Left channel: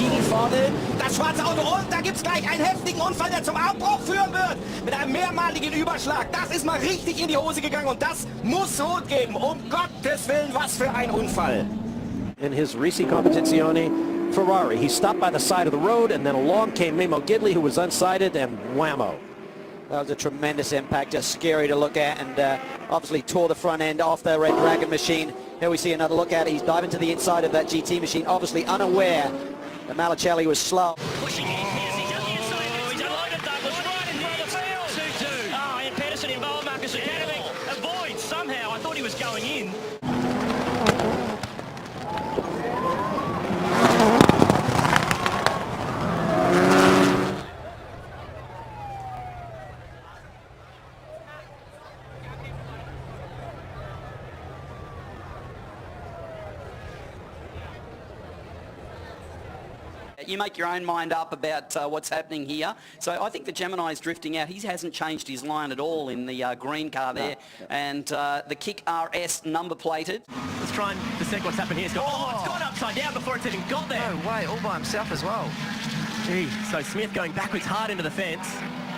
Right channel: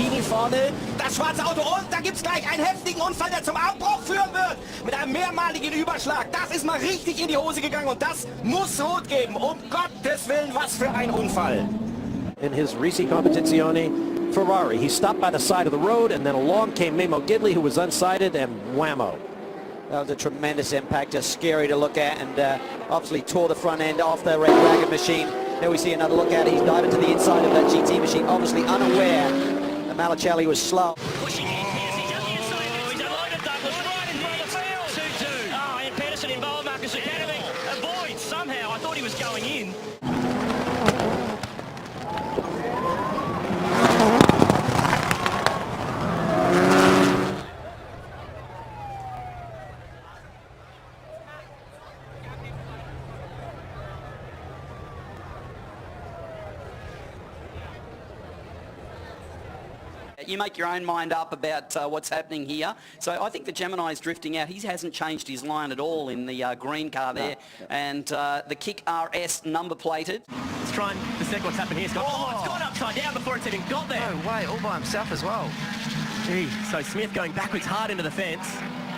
Lamborghini vorne, das schwarze Auto und da gibt's gleich einen heftigen Unfall, der zum Abbruch führen wird. Mit einem mehrmaligen Überschlag. Das ist mal richtig in die Hose gegangen und das muss Rot geben. Um Gottes Willen, was für ein Unfall. In his Risi Competizione Ferrari, he stopped by the side of the road and then along came Mimo Gidley, who was unsighted, and whammo. That was a tremendous impact, just scary to look at, and obviously tore the front end off the Red Dragon machine. Here we see another look at it. He's diving to the inside of that GT machine, obviously unaware that Malicelli was slow. Pushing in, Piercy's on the inside, he's unloaded that, was right in here, that's two. Oh, and Pedersen involved Marcus Academy. Avoid somehow, I thought he was going in. You make your own mind up about what's happening here. So I think the Gemini's drifting out. He hasn't changed his line at all in the green car there. No. And the Kick RS number plated. Let's try and dissect what's happening here. It's gone upside down before it's even gone down. Way, all by himself as well. Gee, so Smith going backwards hard into the fence.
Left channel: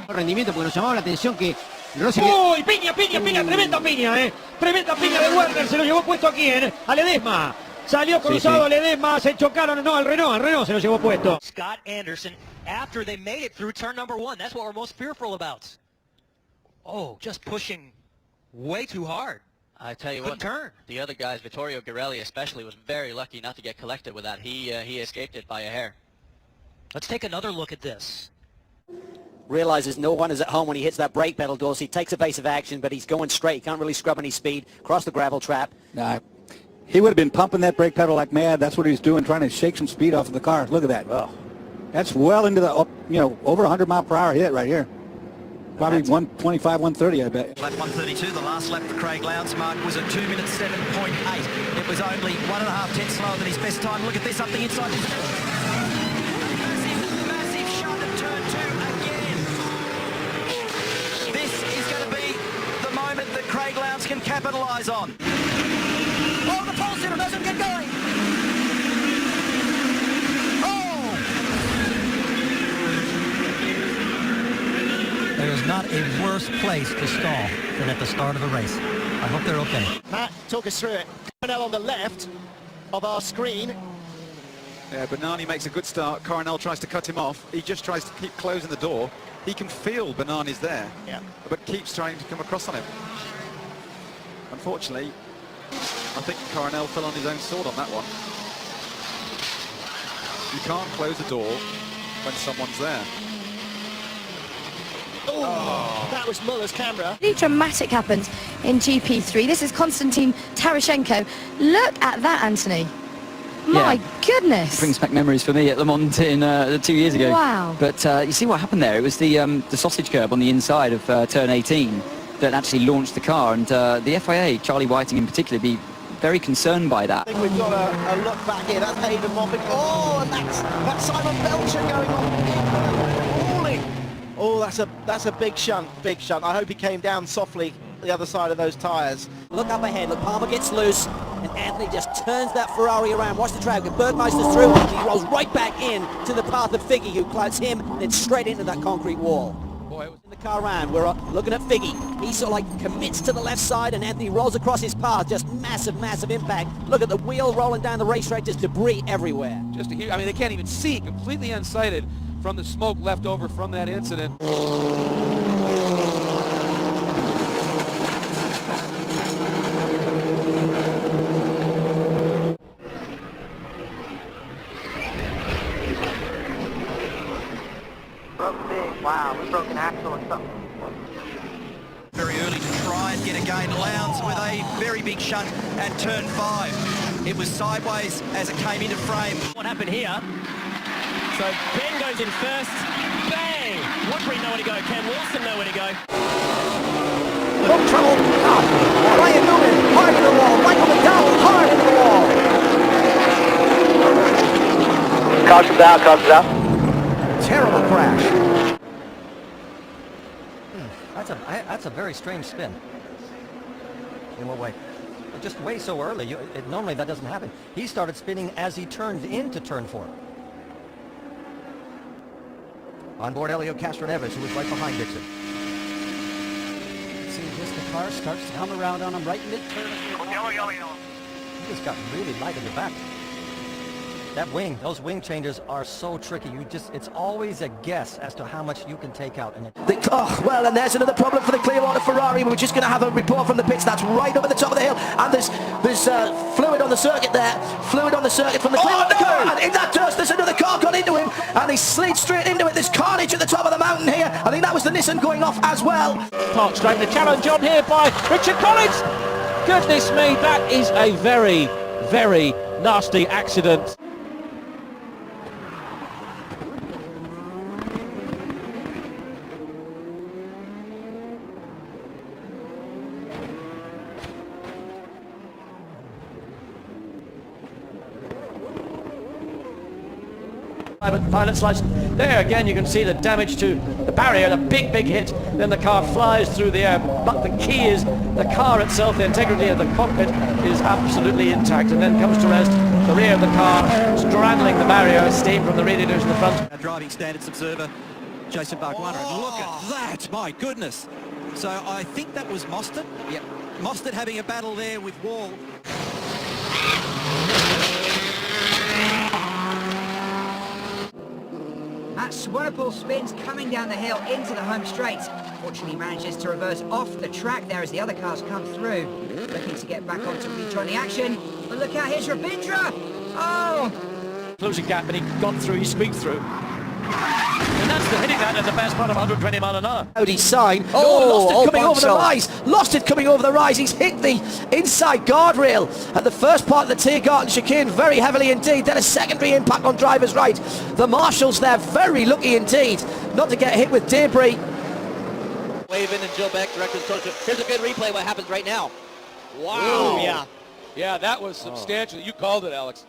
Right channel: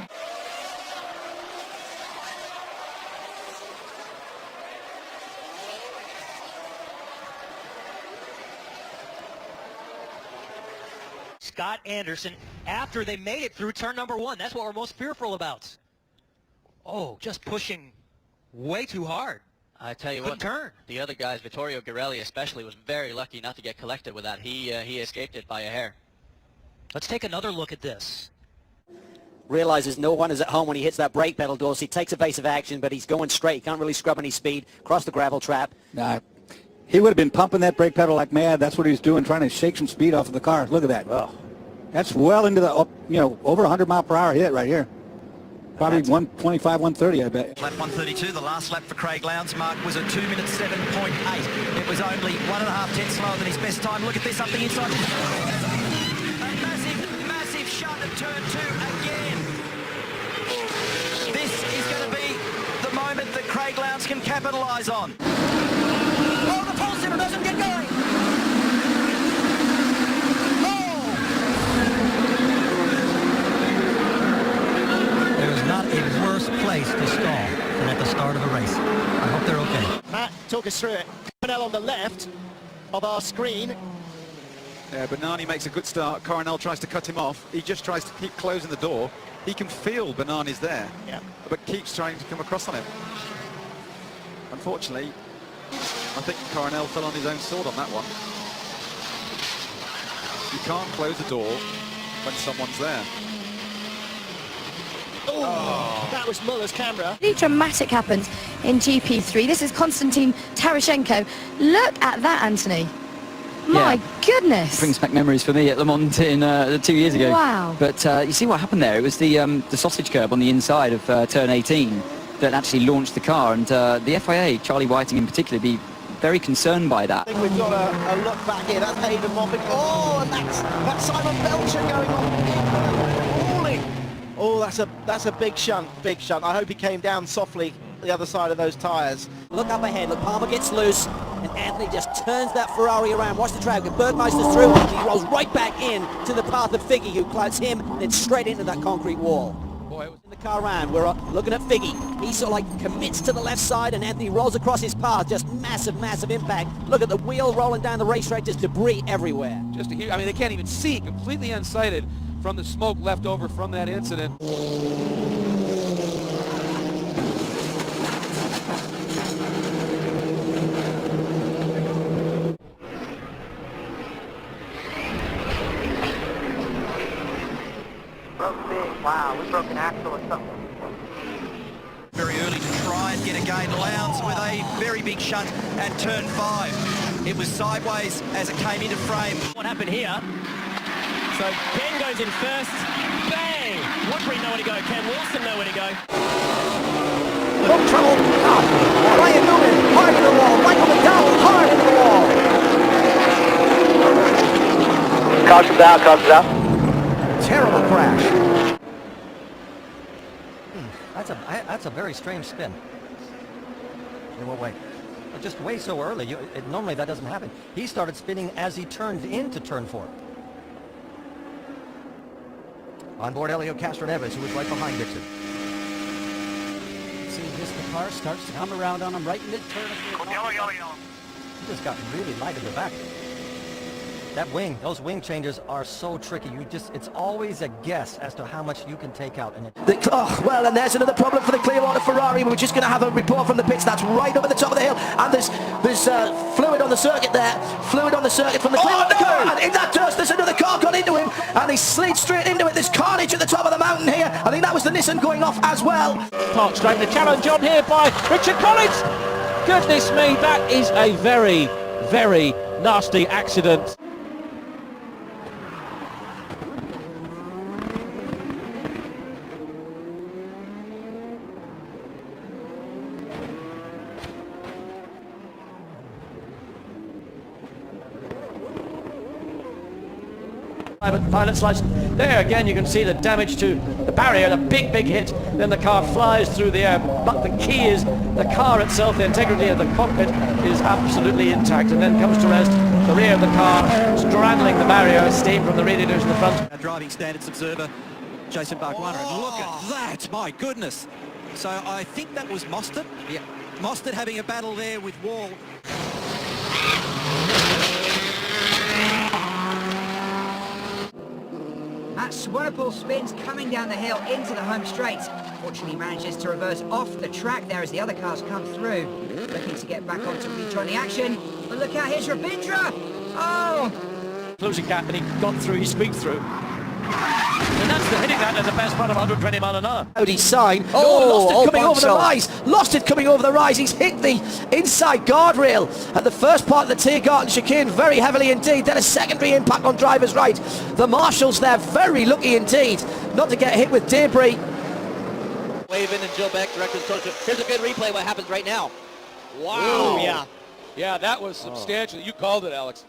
Rendimiento, porque nos llamaba la atención que Rossi... ¡Uy! Piña, tremenda piña, Tremenda piña de Werner, se lo llevó puesto a quién, a Ledesma. Salió cruzado Ledesma, se chocaron, no, al Renault se lo llevó puesto. Scott Anderson, after they made it through turn number one, that's what we're most fearful about. Oh, just pushing way too hard. I tell you what, turn. The other guys, Vittorio Girelli especially, was very lucky not to get collected with that. He escaped it by a hair. Let's take another look at this. Realizes no one is at home when he hits that brake pedal, Dorsey. Takes evasive action, but he's going straight. He can't really scrub any speed. Across the gravel trap. He would have been pumping that brake pedal like mad. That's what he's doing, trying to shake some speed off of the car. Look at that. Oh. That's well into the, over 100 mile per hour hit right here. Probably 125, 130, I bet. Lap 132, the last lap for Craig Lowndes' mark was a 2 minute 7.8. It was only 1.5 tenths slower than his best time. Look at this up the inside. Massive shot at turn two again. This is going to be the moment that Craig Lowndes can capitalise on. Oh, the pole sitter doesn't get going. Not a worse place to stall than at the start of the race. I hope they're okay. Matt took us through it. Coronel on the left of our screen. Yeah, Bernani makes a good start. Coronel tries to cut him off. He just tries to keep closing the door. He can feel Bernani's there, but keeps trying to come across on him. Unfortunately, I think Coronel fell on his own sword on that one. You can't close the door when someone's there. Oh, that was Muller's camera. Really dramatic happened in GP3. This is Konstantin Karashenko. Look at that, Anthony. My goodness. Brings back memories for me at Le Mans in 2 years ago. Wow. But you see what happened there? It was the sausage curb on the inside of turn 18 that actually launched the car, and the FIA, Charlie Whiting in particular, be very concerned by that. I think we've got a look back here. That's Hayden Moffat. Oh, and that's Simon Belcher going on. Falling. Oh, that's a big shunt, big shunt. I hope he came down softly the other side of those tyres. Look up ahead. Look, Palmer gets loose, and Anthony just turns that Ferrari around. Watch the track. Bergmeister's through, and he rolls right back in to the path of Figgy, who clouts him, and then straight into that concrete wall. Boy, it was in the car round. We're looking at Figgy. He sort of like commits to the left side, and Anthony rolls across his path. Just massive, massive impact. Look at the wheel rolling down the racetrack. Just debris everywhere. Just a huge, I mean, they can't even see, completely unsighted from the smoke left over from that incident. Wow, a broken axle or something. Very early to try and get a gain. Lowndes with a very big shunt at turn 5. It was sideways as it came into frame. What happened here? So Ben goes in first. Bang! Woodbury nowhere to go. Cam Wilson nowhere to go. Look, trouble. Ryan Newman, hard in the wall. Michael McDowell, hard in the wall. Caution's out. Terrible crash. That's a very strange spin. In what way? Just way so early. Normally that doesn't happen. He started spinning as he turned into turn 4. On board Elio Castroneves, who was right behind Gibson. See, this car starts to come around on him right mid-turn. Just got really light in the back. That wing, those wing changes are so tricky. It's always a guess as to how much you can take out. And well, and there's another problem for the Clearwater Ferrari. We're just going to have a report from the pits. That's right up at the top of the hill. And there's fluid on the circuit there. Fluid on the circuit from the Clearwater car. And in that dust, there's another car got into him. And he slid straight into it. There's carnage at the top of the mountain here. I think that was the Nissan going off as well. Park straight, the challenge on here by Richard Collins. Goodness me, that is a very, very nasty accident. Pilot slice. There again you can see the damage to the barrier, the big hit. Then the car flies through the air, but the key is the car itself, the integrity of the cockpit is absolutely intact, and then comes to rest the rear of the car, straddling the barrier, steam from the radiators in the front. Driving standards observer Jason Barkwara. Look at that, my goodness. So I think that was Mostert. Yeah. Mostert having a battle there with Wall. That Swanepoel spins coming down the hill into the home straight. Fortunately manages to reverse off the track there as the other cars come through. Looking to get back on to rejoin the action. But look out, here's Rabindra. Oh! Closing gap, and he got through, he squeaked through. And that's the heading round at the best part of 120 mile an hour. Audi sign. Lost it coming over the rise. Lost it coming over the rise. He's hit the inside guardrail at the first part of the Tiergarten chicane very heavily indeed. Then a secondary impact on driver's right. The marshals there very lucky indeed not to get hit with debris. Wave in and Joe Beck, director's coach. Here's a good replay what happens right now. Wow. Yeah, that was substantial. You called it, Alex.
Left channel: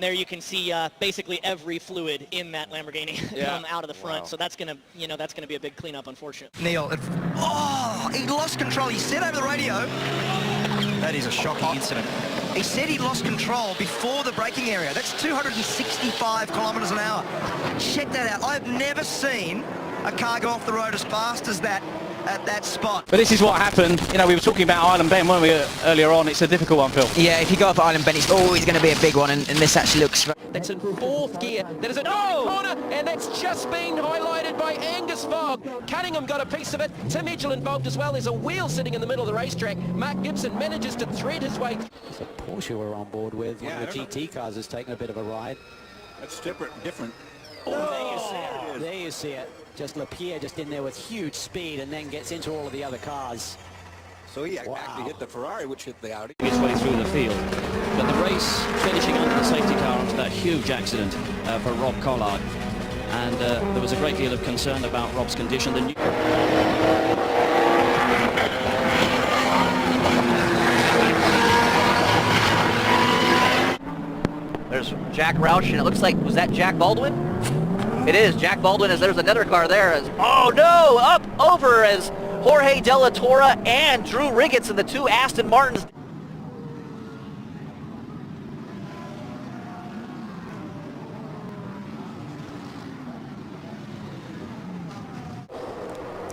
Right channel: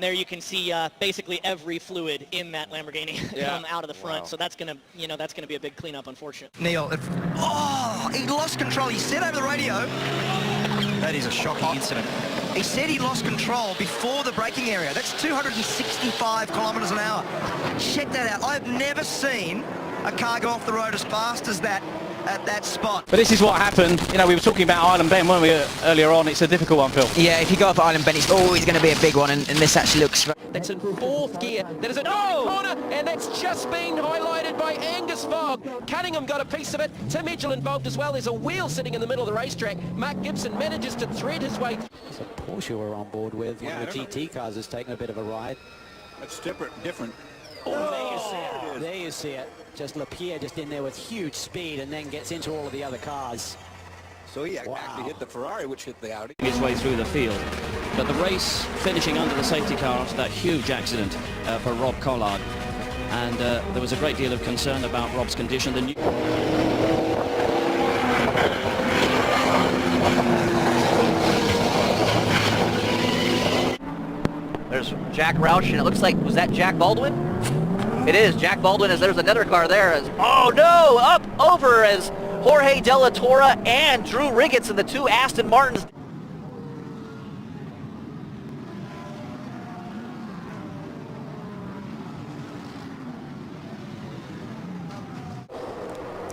There you can see basically every fluid in that Lamborghini come out of the front. Wow. So that's gonna, that's gonna be a big cleanup, unfortunately. Neil, he lost control. He said over the radio. That is a shocking incident. He said he lost control before the braking area. That's 265 kilometers an hour. Check that out. I've never seen a car go off the road as fast as that at that spot. But this is what happened. We were talking about Island Bend, weren't we, earlier on? It's a difficult one, Phil. Yeah, if you go up Island Bend, it's always going to be a big one, and this actually looks... That's in fourth gear. There is a corner, and that's just been highlighted by Angus Fogg. Cunningham got a piece of it. Tim Mitchell involved as well. There's a wheel sitting in the middle of the racetrack. Matt Gibson manages to thread his way. Porsche we're on board with. One of the GT cars is taking a bit of a ride. It's different. Oh, there you see it. Just Lapierre just in there with huge speed and then gets into all of the other cars. So he actually hit the Ferrari, which hit the Audi. His way through the field. But the race finishing under the safety car with a huge accident for Rob Collard. And there was a great deal of concern about Rob's condition. There's Jack Roush, and it looks like, was that Jack Baldwin? It is, Jack Baldwin, as there's another car there. Oh no, up over as Jorge De La Torre and Drew Riggins and the two Aston Martins.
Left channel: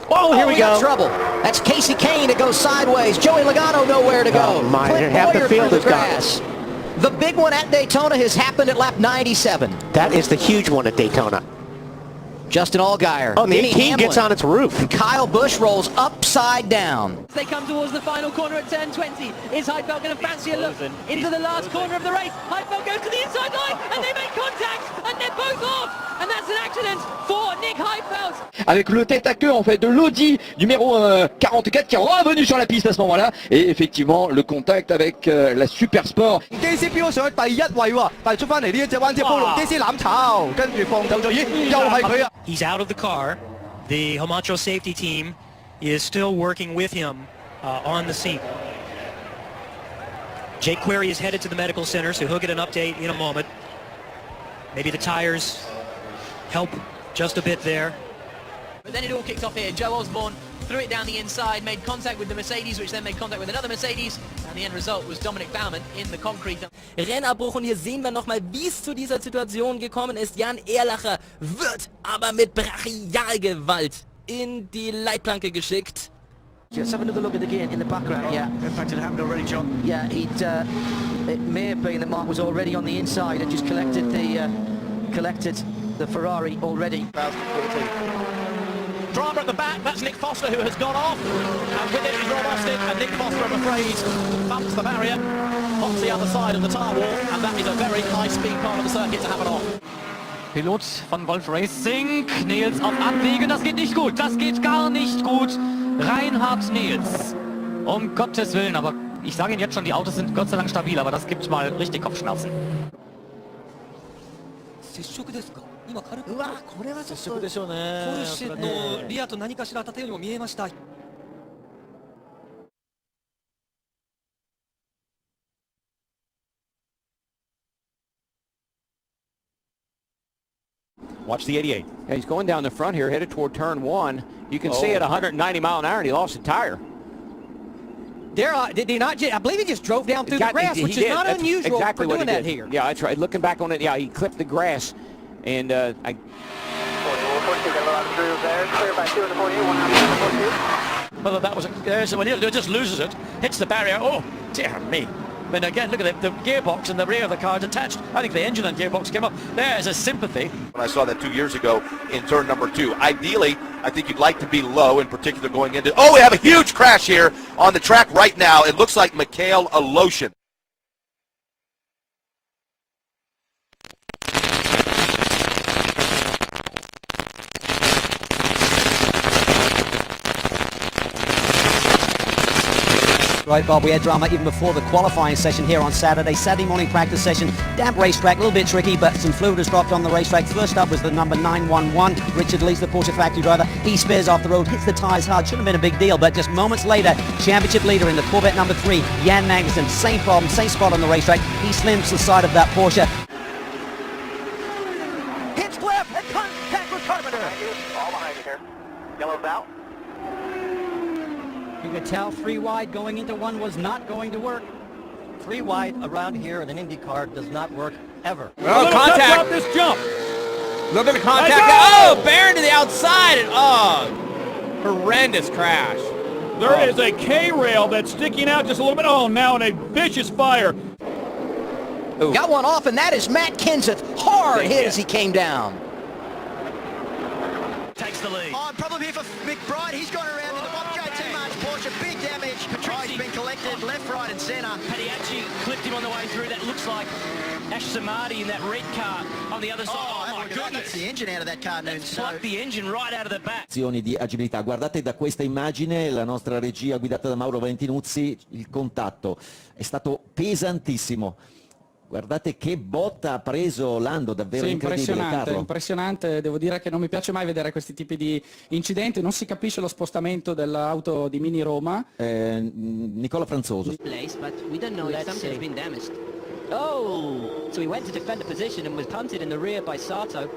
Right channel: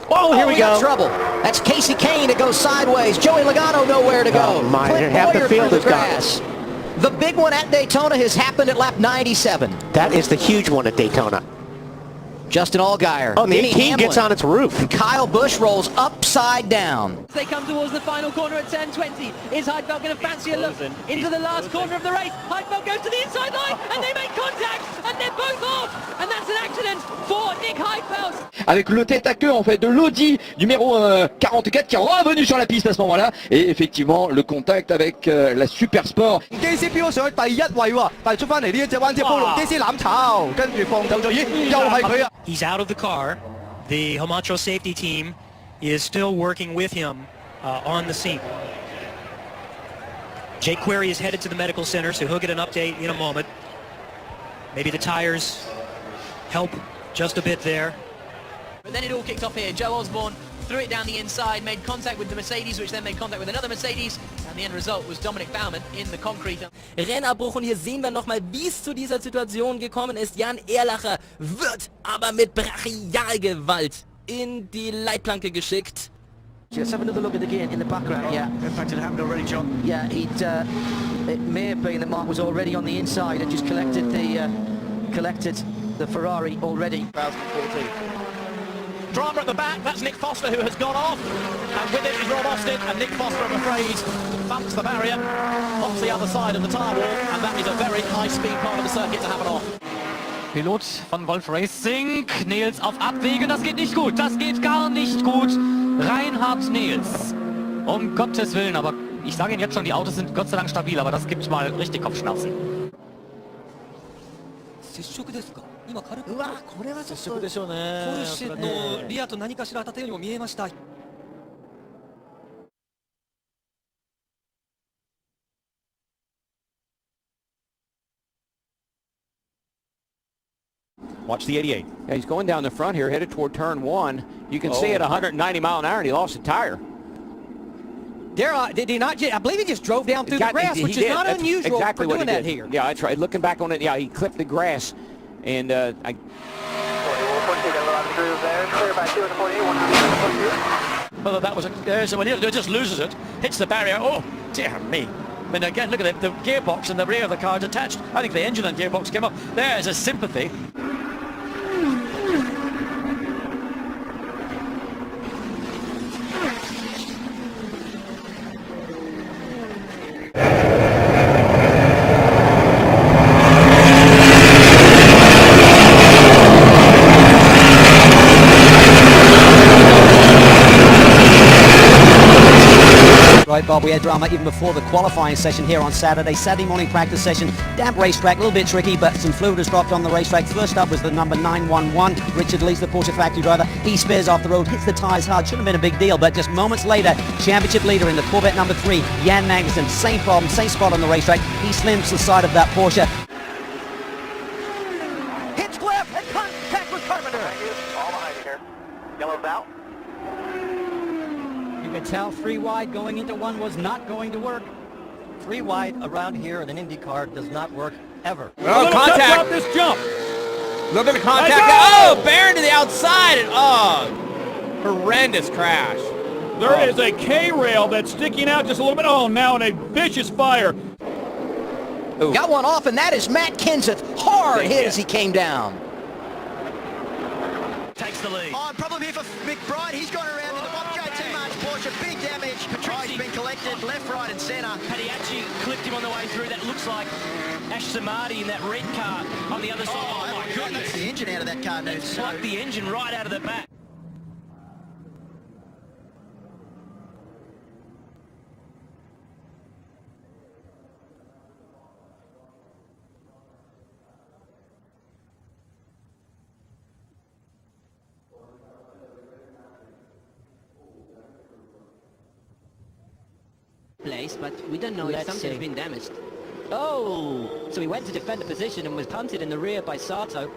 Oh, here we go. Trouble. That's Casey Kane. It goes sideways. Joey Logano nowhere to go. Oh my, half the field is gone. The big one at Daytona has happened at lap 97. That is the huge one at Daytona. Justin Allgaier. Oh, the 18 gets on its roof. And Kyle Busch rolls upside down. They come towards the final corner at 10:20. Is Heidfeld going to fancy a look into the last corner of the race? Heidfeld goes to the inside line, and they make contact, and they're both off. And that's an accident for Nick Heidfeld. Avec le tête à queue en fait de l'Audi numéro 44 qui est revenu sur la piste à ce moment-là, et effectivement le contact avec la Super Sport. He's out of the car. The Homatro safety team is still working with him on the scene. Jake Query is headed to the medical center, so he'll get an update in a moment. Maybe the tires help just a bit there. But then it all kicked off here. Joe Osborne threw it down the inside, made contact with the Mercedes, which then made contact with another Mercedes, and the end result was Dominic Baumann in the concrete. Rennabbruch, und hier sehen wir nochmal, wie es zu dieser Situation gekommen ist. Jan Erlacher wird aber mit Brachialgewalt in die Leitplanke geschickt. Let's have another look at the gear in the background. Yeah, in fact, it happened already, John. Yeah, it may have been that Mark was already on the inside and just collected the Ferrari already. Drama at the back, that's Nick Foster who has gone off. And with it is Rod Austin, and Nick Foster, I'm afraid, he's bumped the barrier off the other side of the tyre wall, and that is a very nice speed car of the circuit to have it off. Pilot von Wolf Racing, Nils auf Abwege, das geht nicht gut, das geht gar nicht gut. Reinhard Nils, um Gottes Willen, aber ich sage Ihnen jetzt schon, die Autos sind Gott sei Dank stabil, aber das gibt mal richtig Kopfschmerzen. 接触ですか？今軽く。うわ、これはちょっと接触でしょうね。ポルシェのリアと何かしら当たったようにも見えました。Watch the 88. Yeah, he's going down the front here, headed toward turn 1. You can see at 190 mile an hour, and he lost a tire. Did they not? I believe he just drove down through the grass, which is not unusual exactly for doing that here. Yeah, that's right. Looking back on it, yeah, he clipped the grass, and Well, that was when he just loses it, hits the barrier. Oh, dear me. But again, look at the gearbox and the rear of the car is attached. I think the engine and gearbox came up. There's a sympathy. When I saw that 2 years ago in turn number 2. Ideally, I think you'd like to be low, in particular going into... Oh, we have a huge crash here on the track right now. It looks like Mikhail Aloshin. Right, Bob, we had drama even before the qualifying session here on Saturday. Saturday morning practice session, damp racetrack, a little bit tricky, but some fluid has dropped on the racetrack. First up was the number 911, Richard Lees, the Porsche factory driver. He spears off the road, hits the tyres hard, shouldn't have been a big deal, but just moments later, championship leader in the Corvette number 3, Jan Magnussen, same problem, same spot on the racetrack. He slims the side of that Porsche. Hits left, and contact with Carpenter. All behind here. Yellow's out. You can tell 3 wide going into 1 was not going to work. 3 wide around here in an Indy car does not work ever. No, contact. This jump. Look at the contact. Oh, Barron to the outside. And, horrendous crash. There is a K-rail that's sticking out just a little bit. Oh, now in a vicious fire. Ooh. Got one off, and that is Matt Kenseth. Hard hit as he came down. Takes the lead. Oh, problem here for McBride. He's gone around in the JT March Porsche. Big damage. Patrici's been collected left, right, and centre. Paddy clipped him on the way through. That looks like Ash Samadhi in that red car on the other side. Oh my God, that's the engine out of that car. That sucked the engine right out of the back. Di agibilità. Guardate da questa immagine, la nostra regia guidata da Mauro Valentinuzzi, il contatto è stato pesantissimo. Guardate che botta ha preso Lando, davvero incredibile, Carlo. Impressionante, devo dire che non mi piace mai vedere questi tipi di incidenti, non si capisce lo spostamento dell'auto di Mini Roma. Nicola Franzoso. Place, but we don't know if something's been damaged. Oh, so he went to defend the position and was punted in the rear by Sato.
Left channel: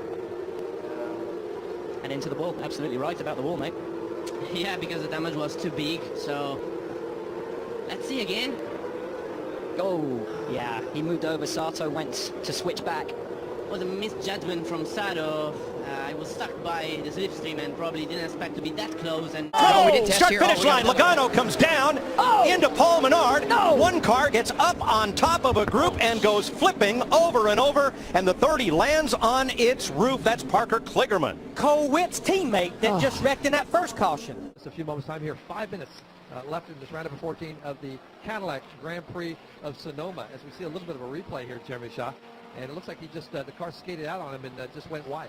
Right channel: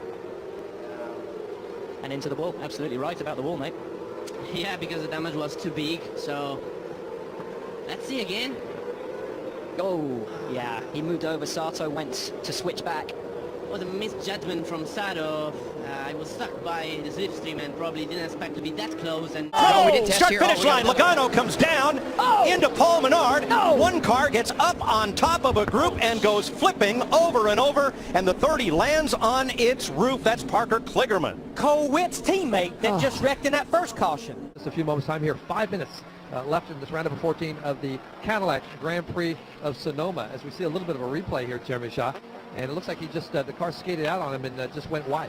And into the wall, absolutely right about the wall, mate. Yeah, because the damage was too big, so let's see again. Oh, yeah, he moved over. Sato went to switch back. Was a misjudgment from Sato. I was stuck by the slipstream and probably didn't expect to be that close. And Start-finish line. Logano comes down into Paul Menard. One car gets up on top of a group and goes flipping over and over, and the 30 lands on its roof. That's Parker Kligerman, Co-Witt's teammate that just wrecked in that first caution. Just a few moments time here. 5 minutes left in this round number 14 of the Cadillac Grand Prix of Sonoma, as we see a little bit of a replay here, Jeremy Shaw, and it looks like he just the car skated out on him and just went wide.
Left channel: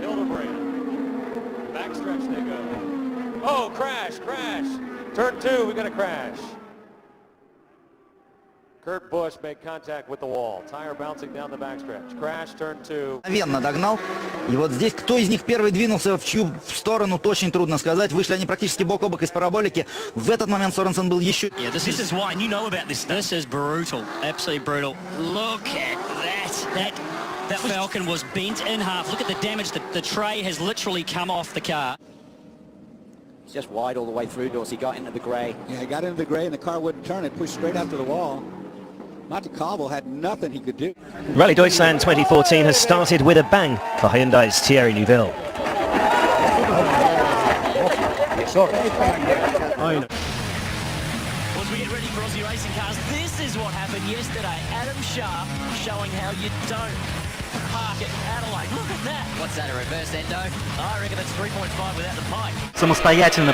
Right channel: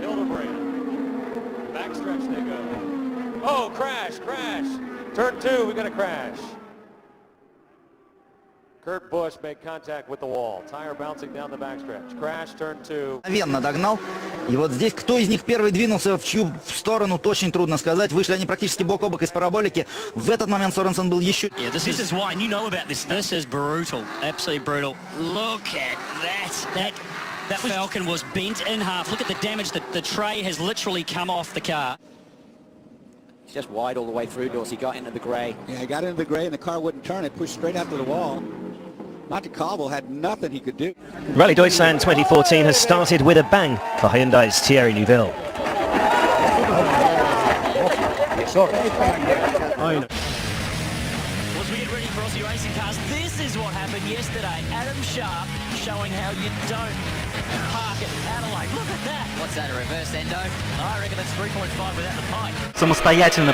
Hildebrand. Backstretch they go. Oh, crash. Turn 2, we got a crash. Kurt Busch made contact with the wall. Tire bouncing down the backstretch. Crash, turn 2. Мгновенно догнал. И вот здесь кто из них первый двинулся в чью сторону, очень трудно сказать. Вышли они практически бок о бок из параболики. В этот момент Соренсон был еще... This is why, and you know about this. This is brutal. Absolutely brutal. Look at that. That Falcon was bent in half. Look at the damage. The tray has literally come off the car. It's just wide all the way through, Dorsey. Got into the grey. Yeah, he got into the grey and the car wouldn't turn. It pushed straight after the wall. Monte Carlo had nothing he could do. Rally Deutschland 2014 has started with a bang for Hyundai's Thierry Neuville. This is what happened yesterday. Adam Sharp showing how you don't park at Adelaide. Look at that. What's that, a reverse endo? I reckon that's 3.5 without the pipe. Самостоятельно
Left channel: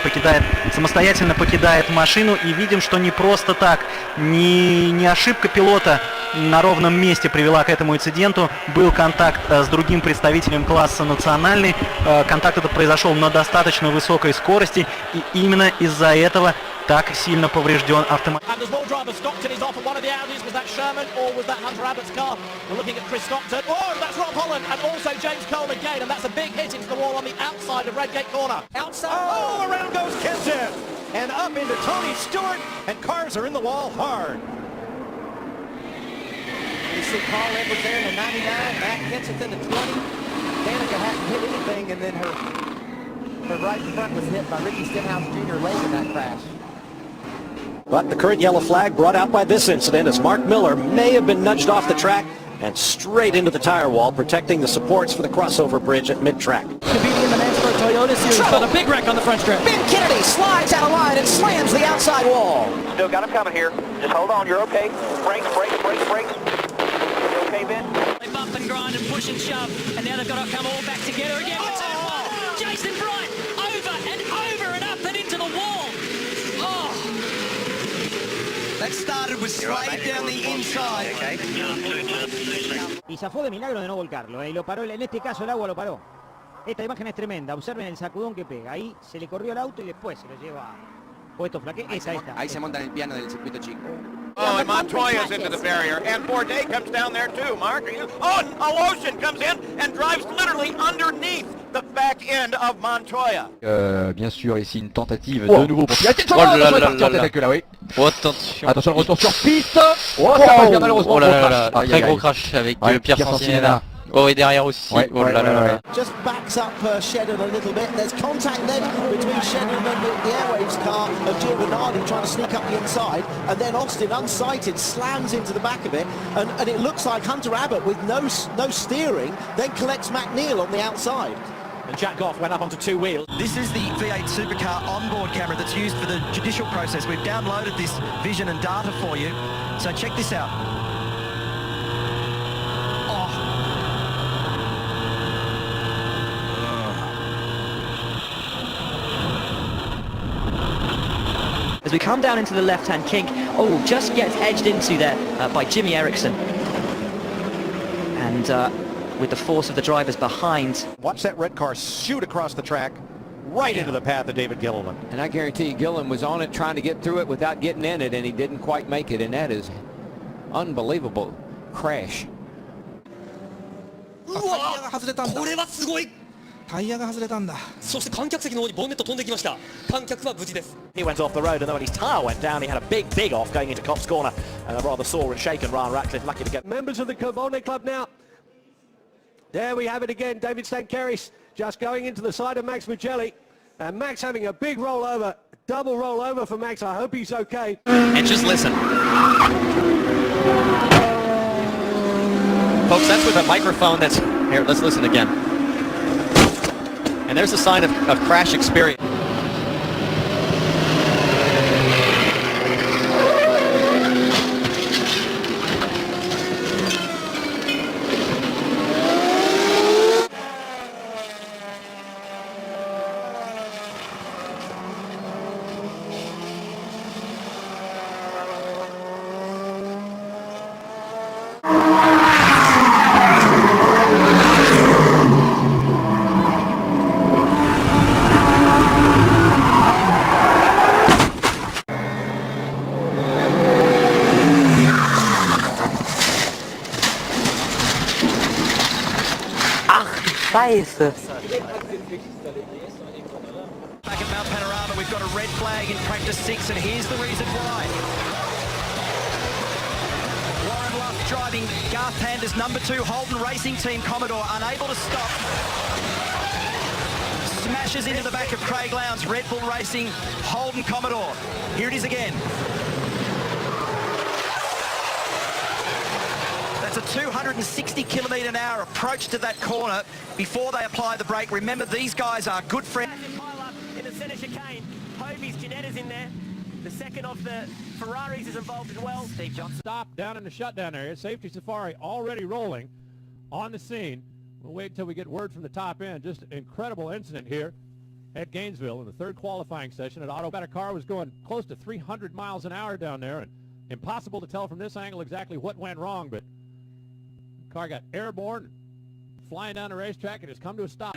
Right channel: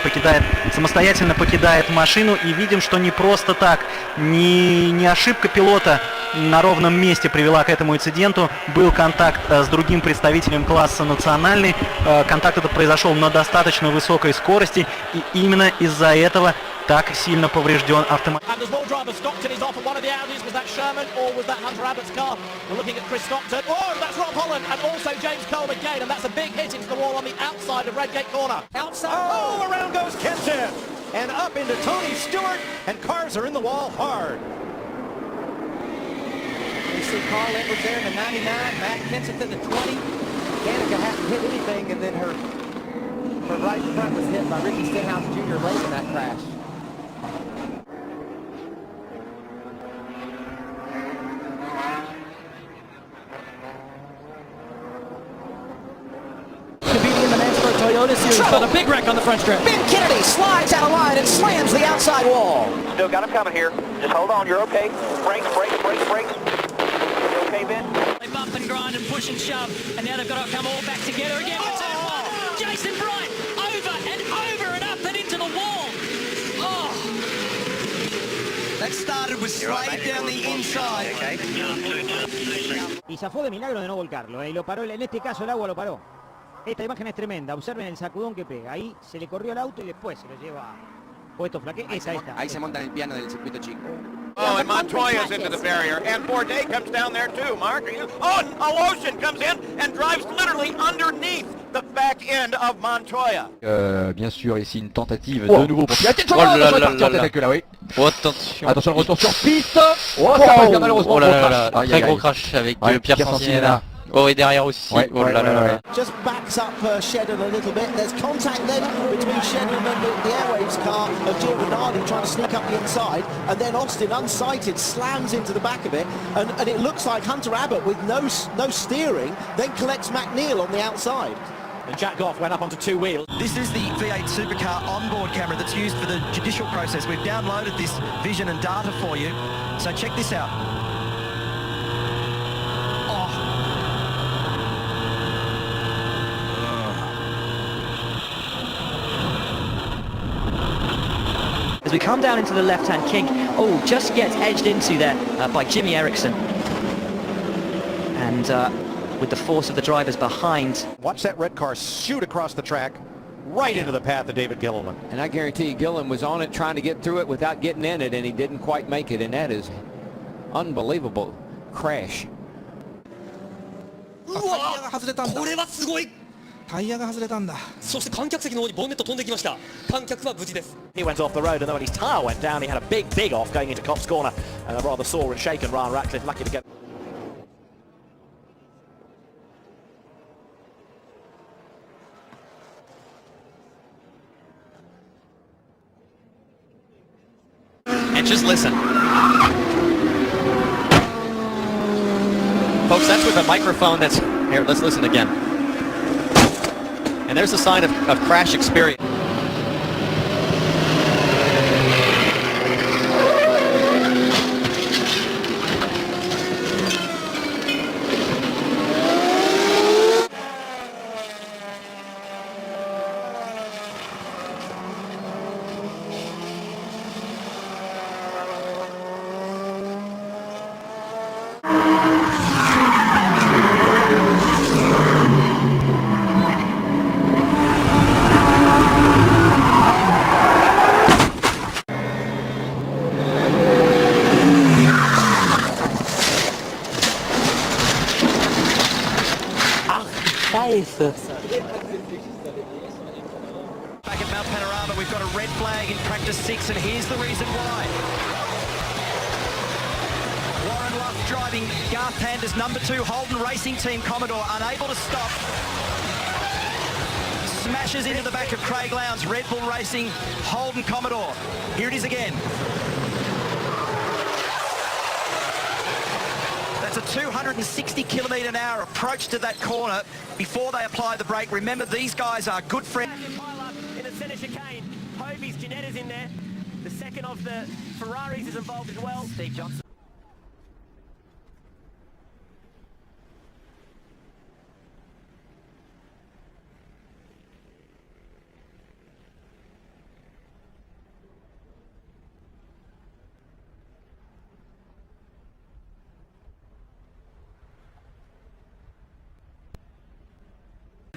покидает машину, и видим, что не просто так, не ошибка пилота на ровном месте привела к этому инциденту. Был контакт с другим представителем класса национальный. Контакт этот произошел на достаточно высокой скорости, и именно из-за этого так сильно поврежден автомобиль. And there's more drivers. Stockton is off at one of the Audis. Was that Sherman or was that Hunter Abbott's car? We're looking at Chris Stockton. Oh, that's Rob Holland and also James Cole again. And that's a big hit into the wall on the outside of Redgate corner. Outside, all around goes Kenton. And up into Tony Stewart. And cars are in the wall hard. You see Carl Edwards there in the 99. Matt Vincent in the 20. Danica hadn't hit anything, and then her right front was hit by Ricky Stenhouse Jr. late in that crash. But the current yellow flag brought out by this incident as Mark Miller may have been nudged off the track and straight into the tire wall, protecting the supports for the crossover bridge at mid-track. Toyota Series, but a big wreck on the front stretch. Ben Kennedy slides out of line and slams the outside wall. Still got him coming here. Just hold on, you're okay. Brakes. You okay, Ben? They bumped and grind and push and shove, and now they've got to come all back together again. Oh, Jason Bright, over and up and into the wall. Oh. That started with straight down the inside. Y zafó de milagro de no volcarlo, y lo paró, en este caso el agua lo paró. Esta imagen es tremenda, observen el sacudón que pega. Ahí se le corrió el auto y después se lo lleva puesto flaque. Esta. Ahí se monta en el piano del circuito chico. Oh, and Montoya's into the barrier, and Bourdais comes down there too. Mark, Alosian comes in and drives literally underneath the back end of Montoya. Bien sûr, ici une tentative de nouveau pour... Attention, attention, le retour sur piste. Malheureusement, très gros crash avec Pierre Sanciena. Oh, et derrière aussi. Just backs up Shedden a little bit. There's contact then between Shedden and the Aerogroup's car of Jimmy Hardy trying to sneak up the inside, and then Austin, unsighted, slams into the back of it, and it looks like Hunter Abbott with no steering then collects McNeil on the outside. And Jack Goff went up onto two wheels. This is the V8 Supercar onboard camera that's used for the judicial process. We've downloaded this vision and data for you, so check this out. As we come down into the left-hand kink, just gets edged into there by Jimmy Eriksson. And with the force of the drivers behind. Watch that red car shoot across the track, right into the path of David Gilliland. And I guarantee you, Gilliland was on it trying to get through it without getting in it, and he didn't quite make it, and that is unbelievable crash. 外れたんだ。これはすごい。タイヤが外れたんだ。そして観客席の方にボンネット飛んできました。観客は無事です。He went off the road, and then when his tyre went down, he had a big off going into Cops Corner, and a rather sore and shaken Ryan Ratcliffe lucky to get. Members of the Carbone Club now. There we have it again. David Stankeris just going into the side of Max Mugelli, and Max having a big rollover, double rollover for Max. I hope he's okay. And just listen. Folks, that's with a microphone that's... Here, let's listen again. And there's a sign of crash experience. red flag in practice 6, and here's the reason why. Driving Garth Pander's number 2 Holden Racing Team Commodore, unable to stop. Smashes into the back of Craig Lowndes Red Bull Racing Holden Commodore. Here it is again. That's a 260 km/h approach to that corner before they apply the brake. Remember, these guys are good friends. In the center chicane, Hobie's Ginetti's in there. The second of the Ferraris is involved as well. Stop down in the shutdown area. Safety Safari already rolling on the scene. We'll wait until we get word from the top end. Just an incredible incident here at Gainesville in the third qualifying session. An automatic car was going close to 300 miles an hour down there, and impossible to tell from this angle exactly what went wrong, but the car got airborne, flying down the racetrack, and has come to a stop.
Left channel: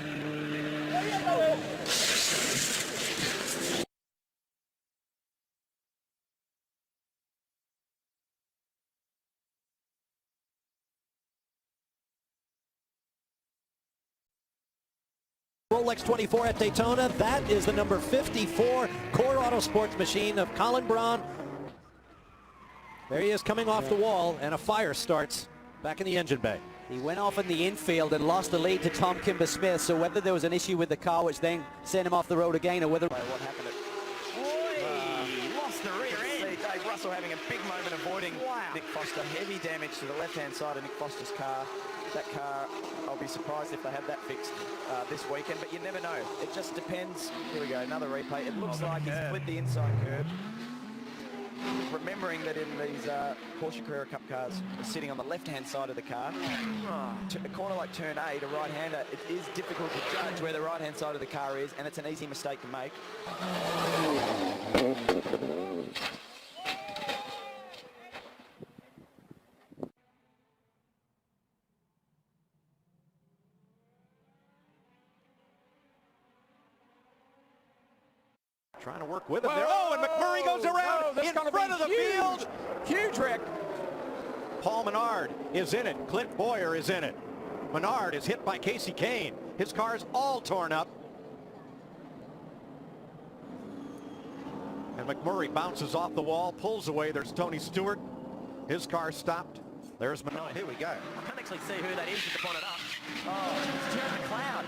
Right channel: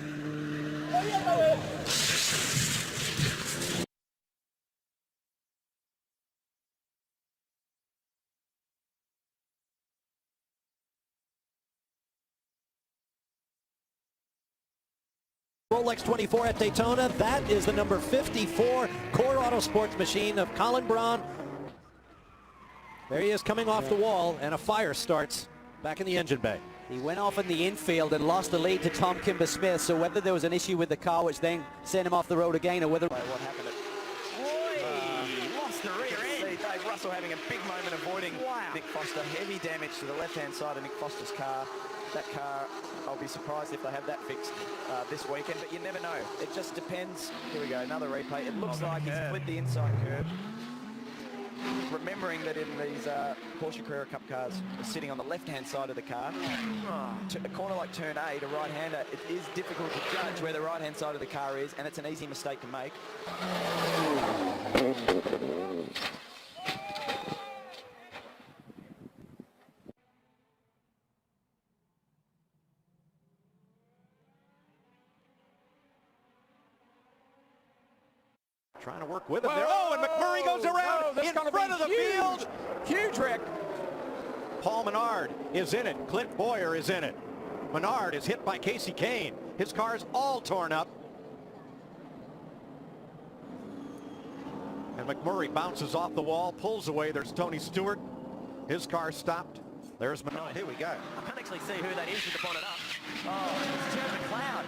Rolex 24 at Daytona. That is the number 54 Core Auto Sports machine of Colin Braun. There he is coming off the wall, and a fire starts back in the engine bay. He went off in the infield and lost the lead to Tom Kimber-Smith, so whether there was an issue with the car which then sent him off the road again, or whether... Russell having a big moment avoiding Nick Foster. Heavy damage to the left-hand side of Nick Foster's car. That car, I'll be surprised if they have that fixed this weekend, but you never know. It just depends. Here we go, another replay. It looks like he's split the inside curve. Remembering that these Porsche Carrera Cup cars are sitting on the left-hand side of the car. A corner like turn 8, a right-hander, it is difficult to judge where the right-hand side of the car is, and it's an easy mistake to make. Trying to work with him there. Oh, and McMurray goes around in front of the field. Huge wreck. Paul Menard is in it. Clint Boyer is in it. Menard is hit by Casey Kane. His car's all torn up. And McMurray bounces off the wall, pulls away. There's Tony Stewart. His car stopped. There's Menard. Here we go. I can't actually see who that is to put it up. Oh, it's Jerry McLeod.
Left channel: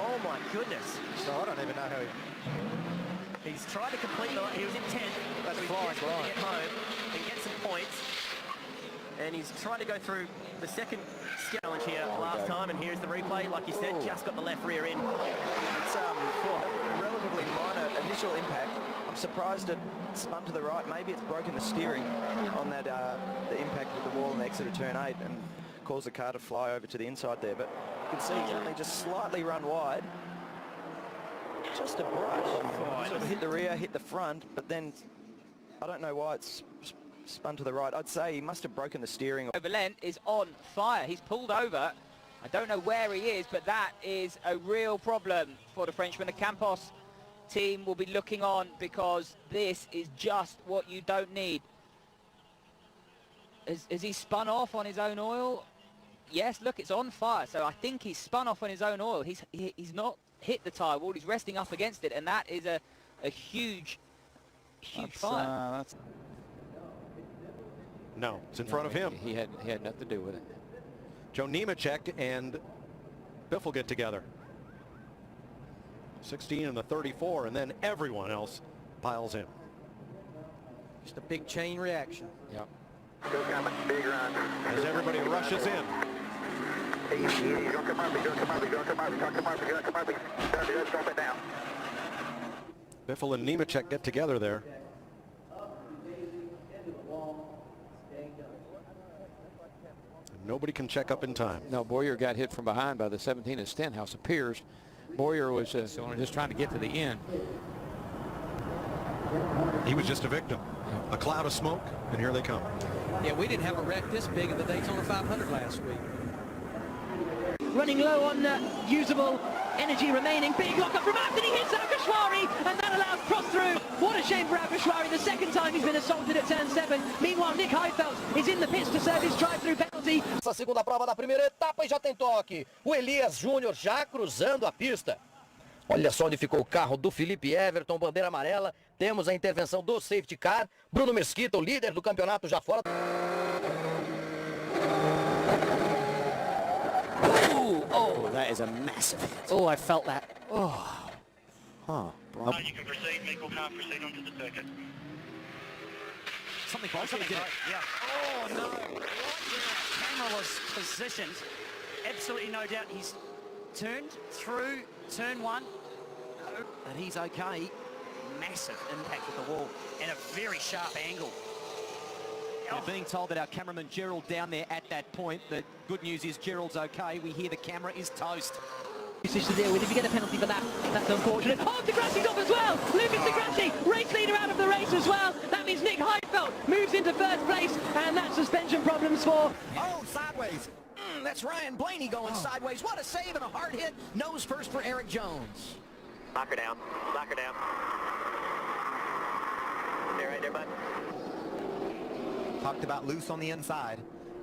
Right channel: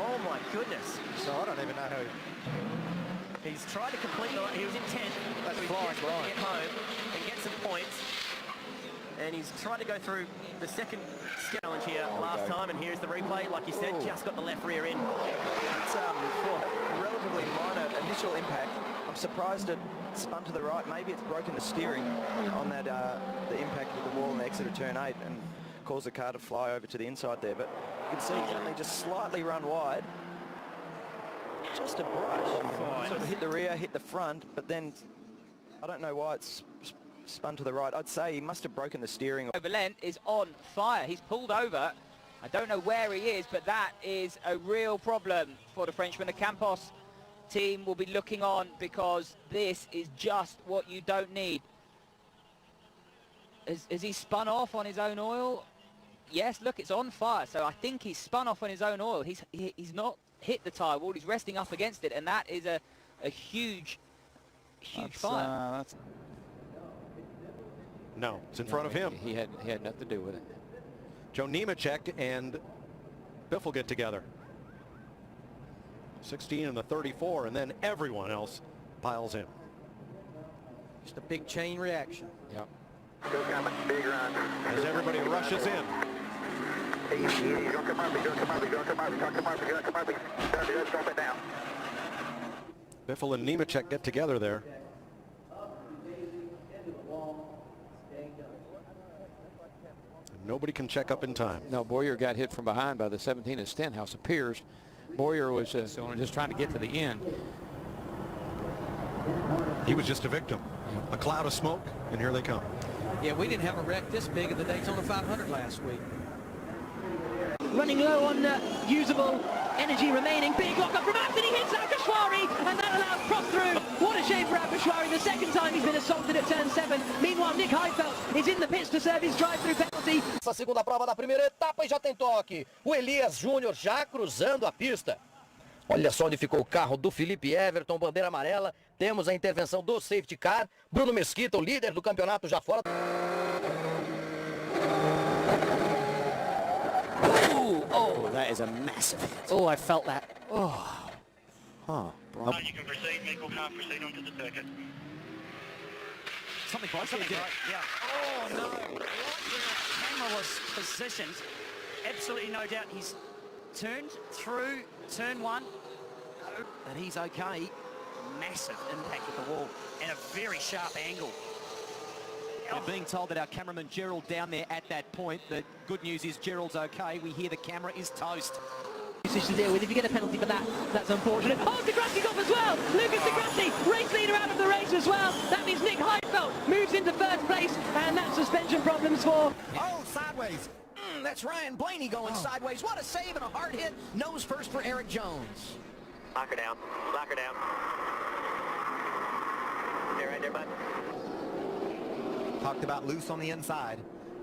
Oh my goodness. So I don't even know who. He's tried to complete it. He was on 10 at Florence to get home and get some points. And he's trying to go through the second challenge here last time, and here's the replay. Like you said, just got the left rear in. It's relatively minor initial impact. I'm surprised it spun to the right. Maybe it's broken the steering on that the impact of the wall in the exit of turn 8 and caused the car to fly over to the inside there. But you can see it only just slightly run wide. Just a point. So it hit the rear, hit the front, but then I don't know why it's spun to the right. I'd say he must have broken the steering. Valent is on fire. He's pulled over. I don't know where he is, but that is a real problem for the Frenchman. The Campos team will be looking on because this is just what you don't need. Has he spun off on his own oil? Yes, look, it's on fire. So I think he's spun off on his own oil. He's not hit the tyre wall. He's resting up against it, and that is a huge fire. No, it's in front of him. He had nothing to do with it. Joe Nemechek and Biff will get together. 16 and the 34, and then everyone else piles in. Just a big chain reaction. Yep. Big run. As everybody rushes in. Drop it down. Biffle and Nemechek get together there. And nobody can check up in time. No, Boyer got hit from behind by the 17 of Stenhouse. Appears Boyer was just trying to get to the end. He was just a victim. A cloud of smoke, and here they come. Yeah, we didn't have a wreck this big in the Daytona 500 last week. Running low on usable energy remaining. Big look from Anthony. Hits Akhashwari, and that allows cross through. What a shame for Akhashwari. The second time he's been assaulted at turn 7. Meanwhile, Nick Heidfeld is in the pits to serve his drive-through penalty. Essa segunda prova da primeira etapa e já tem toque. O Elias Júnior já cruzando a pista. Olha só onde ficou o carro do Felipe Everton, bandeira amarela. Temos a intervenção do safety car. Bruno Mesquita, o líder do campeonato, já fora. Ooh, oh, that is a massive hit. Oh, I felt that. Oh. Huh. You can proceed, Nick. We'll proceed on to the circuit. Something close to it. Yeah. Oh, no. Right in the camera was positioned. Absolutely no doubt he's turned through turn one. But he's okay. Massive impact with the wall and a very sharp angle. We're being told that our cameraman Gerald down there at that point. The good news is Gerald's okay. We hear the camera is toast. To deal with. If you get a penalty for that, that's unfortunate. Oh, Degrassi's off as well. Lucas Degrassi, race leader out of the race as well. That means Nick Heidfeld moves into first place, and that's suspension problems for. Oh, sideways. That's Ryan Blaney going sideways. What a save and a hard hit. Nose first for Eric Jones. Lock her down. Lock her down. Stay right there, bud. Talked about loose on the inside.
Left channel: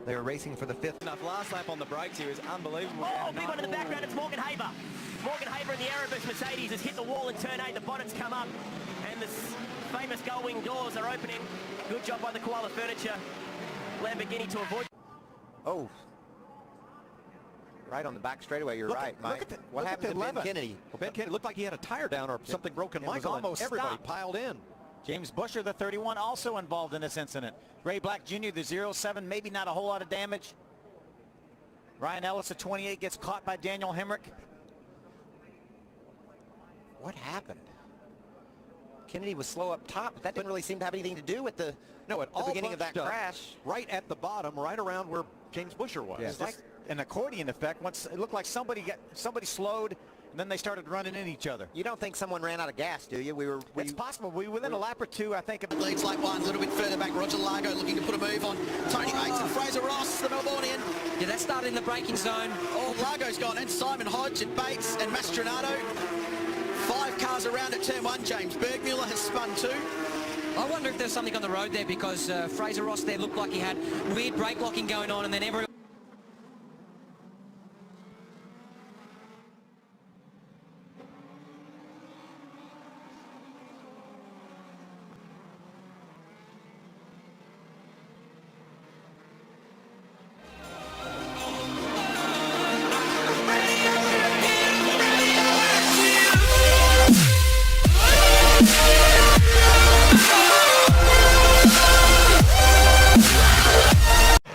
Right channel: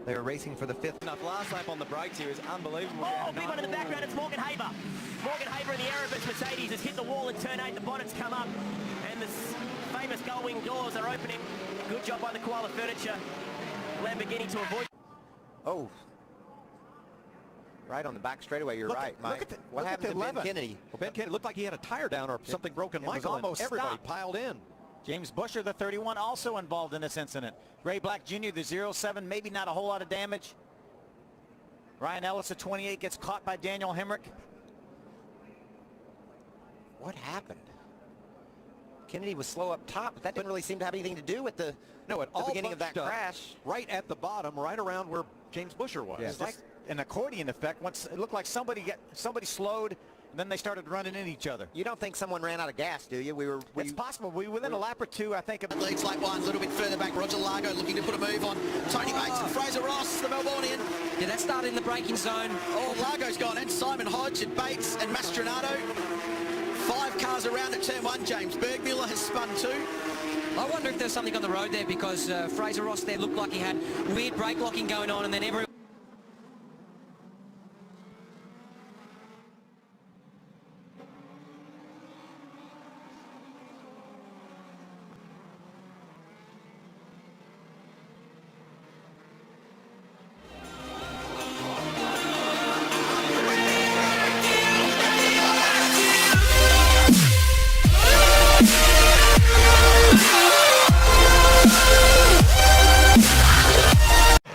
They were racing for the fifth. The last lap on the brakes here is unbelievable. Oh, people in the background, it's Morgan Haber. Morgan Haber in the Aerobiz Mercedes has hit the wall in turn 8. The bottom's come up. And the famous gull-wing doors are opening. Good job by the Koala Furniture Lamborghini to avoid. Oh. Right on the back straightaway, you're right, Mike. What happened to Ben Kennedy? Ben Kennedy looked like he had a tire down or something broken. It was almost everybody piled in. James Busher, the 31, also involved in this incident. Ray Black Jr., the 07, maybe not a whole lot of damage. Ryan Ellis, the 28, gets caught by Daniel Hemrick. What happened? Kennedy was slow up top, but that didn't really seem to have anything to do with the beginning of that crash, right at the bottom, right around where James Busher was. Yeah, like an accordion effect. Once it looked like somebody slowed, and then they started running in each other. You don't think someone ran out of gas, do you? It's possible. Within a lap or two, I think. Leads like one, a little bit further back. Roger Largo looking to put a move on. Tony Mates and Fraser Ross, the Melbourneian. Yeah, that's started in the braking zone. Oh, Largo's gone in. Simon Hodge and Bates and Mastranato. 5 cars around at turn 1. James Bergmiller has spun 2. I wonder if there's something on the road there because Fraser Ross there looked like he had weird brake locking going on, and then everyone.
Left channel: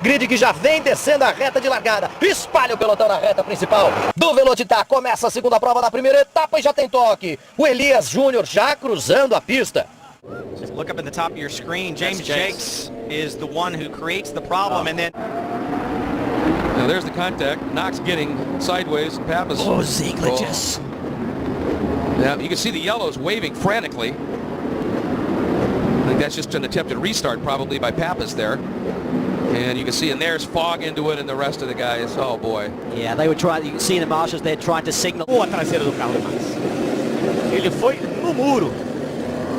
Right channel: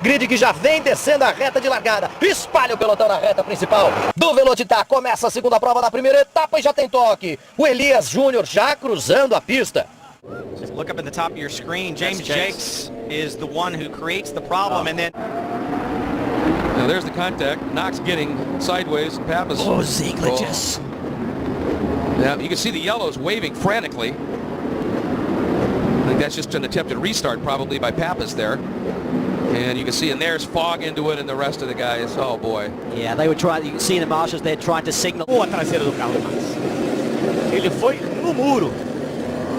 Grid que já vem descendo a reta de largada. Espalha o pelotão na reta principal do Velocitar. Começa a segunda prova da primeira etapa e já tem toque. O Elias Júnior já cruzando a pista. Just look up at the top of your screen. James Jakes is the one who creates the problem, and then... Now there's the contact. Knox getting sideways. Pappas. Oh, Ziegler just... Yeah, you can see the yellows waving frantically. I think that's just an attempted restart probably by Pappas there. And you can see, and there's fog into it, and the rest of the guys, oh boy. Yeah, they were trying, you can see the marshals there trying to signal. O a traseira do carro. Ele foi no muro.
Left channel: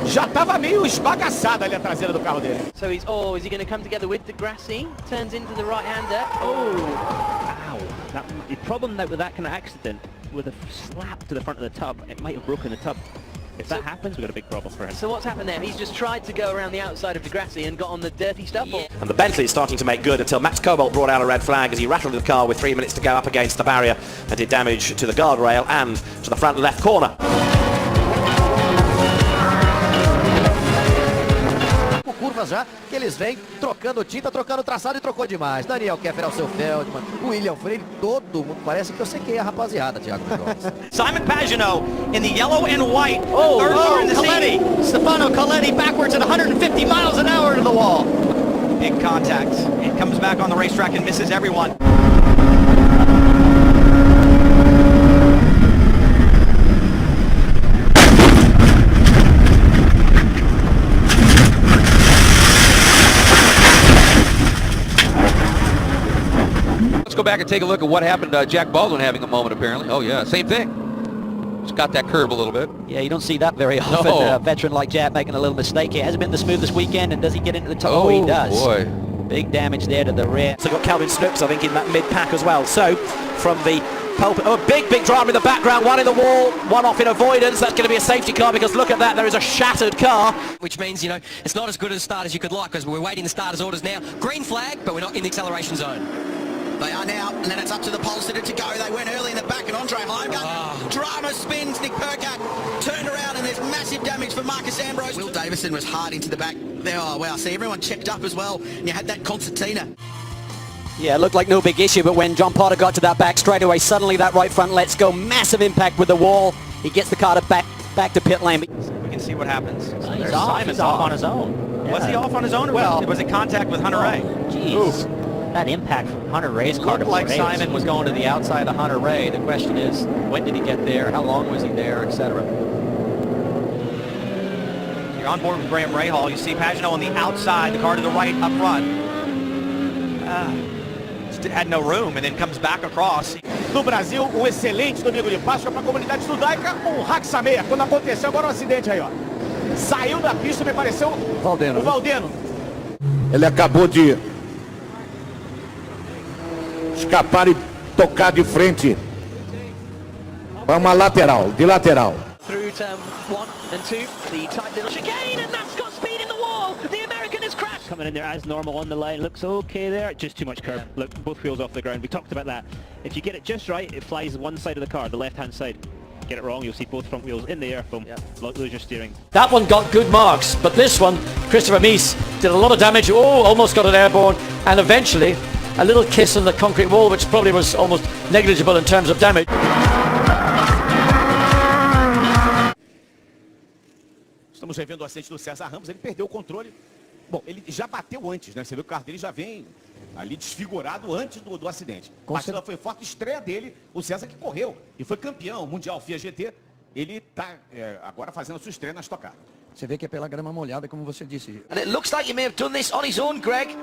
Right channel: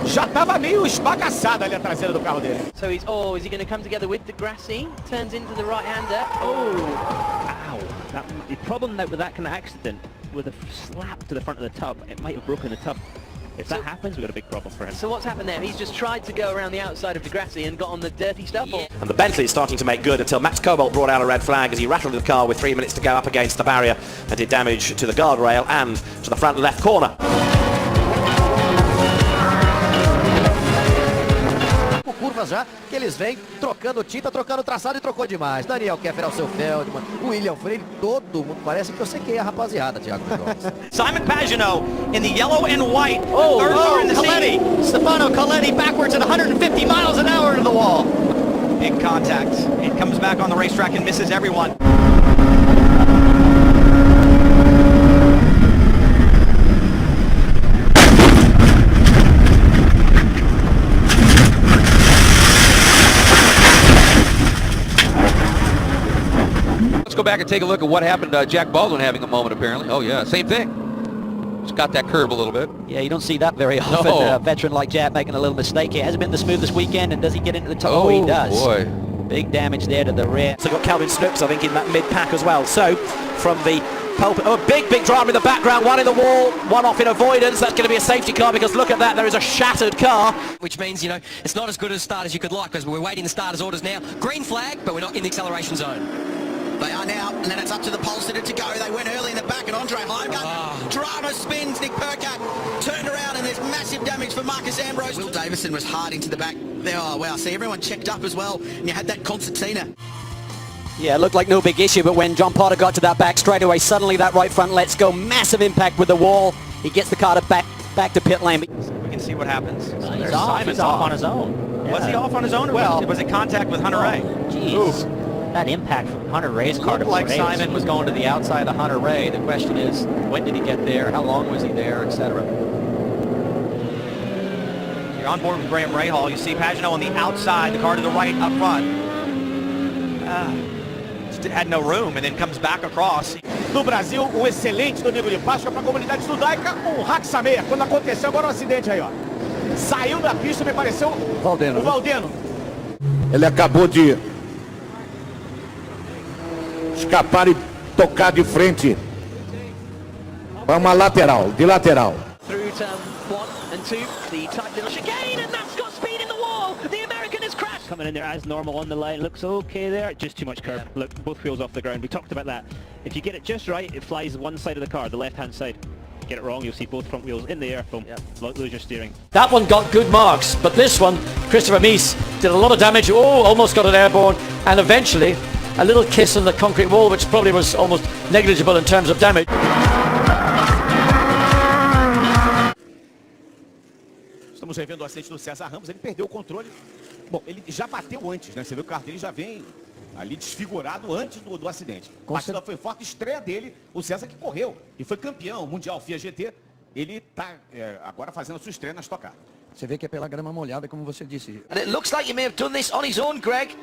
Já estava meio esbagaçado ali a traseira do carro dele. So he's, is he going to come together with Degrassi? Turns into the right-hander. Oh! Ow. The problem with that kind of accident, with a slap to the front of the tub, it might have broken the tub. If that happens, we've got a big problem for him. So what's happened there? He's just tried to go around the outside of Degrassi and got on the dirty stuff. Yeah. And the Bentley is starting to make good until Max Cobalt brought out a red flag as he rattled the car with 3 minutes to go up against the barrier and did damage to the guardrail and to the front left corner. Curvas já, eles vêm trocando tinta, trocando traçado e trocou demais. Daniel Keffer, seu Feldman, William Freire, todo mundo parece que eu sei quem é a rapaziada, Thiago. Simon Pagenaud in the yellow and white. Third car in the seating. Stefano Coletti backwards at 150 miles an hour into the wall. Big contact. He comes back on the racetrack and misses everyone. Go back and take a look at what happened to Jack Baldwin having a moment apparently. Oh yeah, same thing. Just got that curve a little bit. Yeah, you don't see that very often. No. A veteran like Jack making a little mistake here. Hasn't been the smoothest weekend, and does he get into the top? Oh, he does. Boy. Big damage there to the rear. So got Calvin Snooks, I think, in that mid-pack as well. So, from the Oh, a big drama in the background, one in the wall, one off in avoidance. That's going to be a safety car because look at that, there is a shattered car. Which means, you know, it's not as good a start as you could like because we're waiting the starters' orders now. Green flag, but we're not in the acceleration zone. They are now, and then it's up to the Polster to go. They went early in the back, and Andre Logan. Drama spins, Nick Percat turned around, and there's massive damage for Marcus Ambrose. Will Davison was hard into the back. Oh, wow, see, everyone checked up as well, and you had that concertina. Yeah, it looked like no big issue, but when John Potter got to that back straightaway, suddenly that right front lets go. Massive impact with the wall. He gets the car back to pit lane. We can see what happens. Simon's off on his own. Yeah. Was he off on his own? Well, it was in contact with Hunter Ray. Jeez. That impact from Hunter Ray's car. Like Simon was going to the outside of Hunter Ray. The question is, when did he get there? How long was he there, etc. You're on board with Graham Rahal. You see Pagano on the outside, the car to the right up front. Just had no room and then comes back across. No Brasil, excelente do nível de prática para a comunidade judaica, o Haxameia. Quando aconteceu agora o acidente aí, ó. Saiu da pista, me pareceu o Valdeno. Ele acabou de escapar e tocar de frente para uma lateral, de lateral. Through turn 1 and 2, the tight little chicane, and that's got speed in the wall. The American has crashed. Coming in there as normal on the line, looks okay there. Just too much curve. Look, both wheels off the ground. We talked about that. If you get it just right, it flies one side of the car, the left-hand side. Get it wrong, you'll see both front wheels in the air. Lose your steering. That one got good marks, but this one, Christopher Mies, did a lot of damage. Oh, almost got it airborne, and eventually a little kiss on the concrete wall, which probably was almost negligible in terms of damage. Estamos revendo o acidente do César Ramos, ele perdeu o controle. Bom, ele já bateu antes, né? Você vê que o carro dele já vem ali desfigurado antes do acidente. A batida foi forte, estreia dele, o César que correu e foi campeão mundial FIA GT. Ele está agora fazendo a sua estreia na Stock Car. Você vê que é pela grama molhada, como você disse. And it looks like he may have done this on his own, Greg.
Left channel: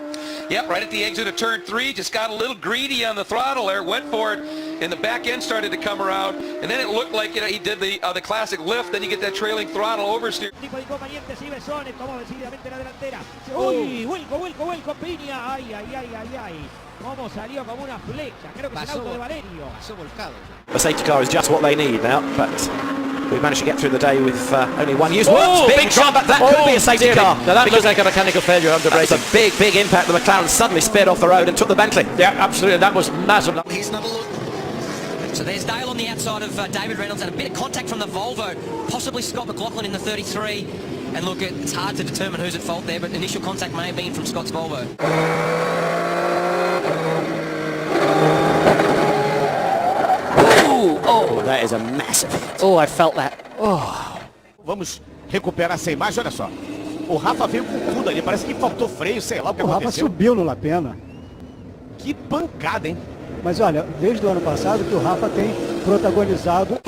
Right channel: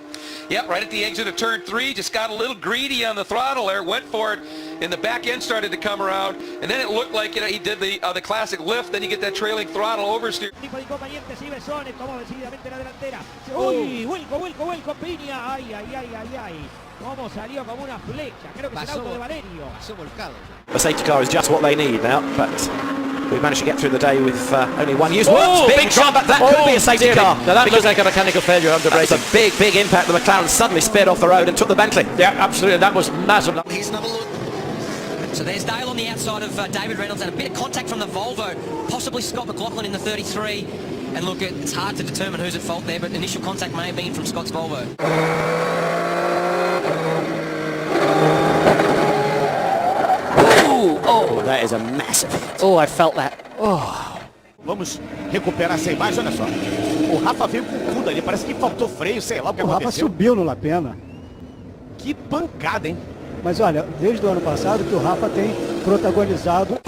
Yep, right at the exit of turn 3, just got a little greedy on the throttle there, went for it, and the back end started to come around, and then it looked like, you know, he did the classic lift, then you get that trailing throttle oversteer. Uy, vuelco, Piña. Ay. Cómo salió como una flecha. Creo que es el auto de Valerio. The safety car is just what they need now, but we managed to get through the day with only one use. Oh, big shot, but that could be a safety car. Now that looks like a mechanical failure under braking. That's a big impact. The McLaren suddenly sped off the road and took the Bentley. Yeah, absolutely. That was massive. Here's another look. So there's Dale on the outside of David Reynolds and a bit of contact from the Volvo. Possibly Scott McLaughlin in the 33. And look, it's hard to determine who's at fault there, but initial contact may have been from Scott's Volvo. Oh, that is a massive hit. Oh, I felt that. Oh. Vamos recuperar sem mais, olha só. O Rafa veio com tudo ali, parece que faltou freio, sei lá o que aconteceu. O Rafa subiu no Lapena. Que pancada, hein? Mas olha, desde o ano passado que o Rafa tem protagonizado.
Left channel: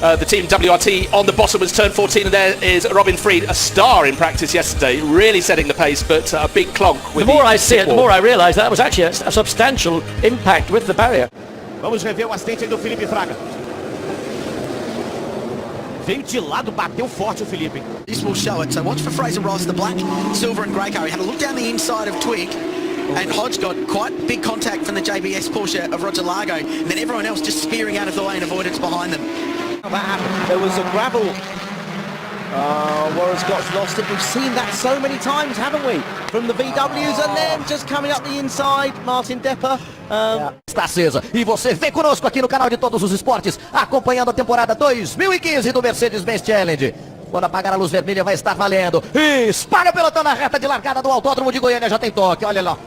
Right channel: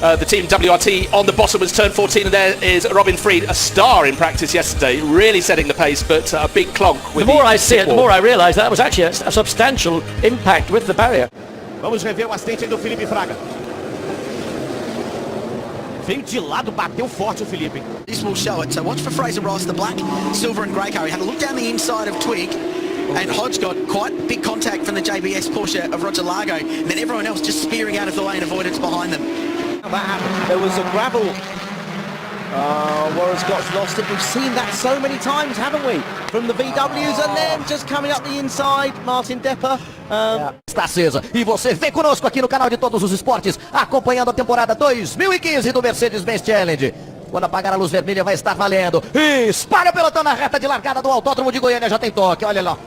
The team WRT on the bottom was turn 14, and there is Robin Freed, a star in practice yesterday, really setting the pace, but a big clonk with the more I see it, the more I realise that was actually a substantial impact with the barrier. Vamos rever o acidente do Felipe Fraga. Veio de lado, bateu forte o Felipe. This will show it. So watch for Fraser Ross, the black, silver and grey car. He had a look down the inside of Twig, and Hodge got quite big contact from the JBS Porsche of Roger Largo. Then everyone else just spearing out of the lane, avoidance behind them. There was a gravel. Warren Scott's lost it. We've seen that so many times, haven't we? From the VWs, and then just coming up the inside, Martin Depper. Está acesa. E você vem conosco aqui no canal de Todos os Esportes, acompanhando a temporada 2015 do Mercedes-Benz Challenge. Quando apagar a luz vermelha vai estar valendo. Espalha o pelotão na reta de largada do Autódromo de Goiânia, já tem toque, olha lá.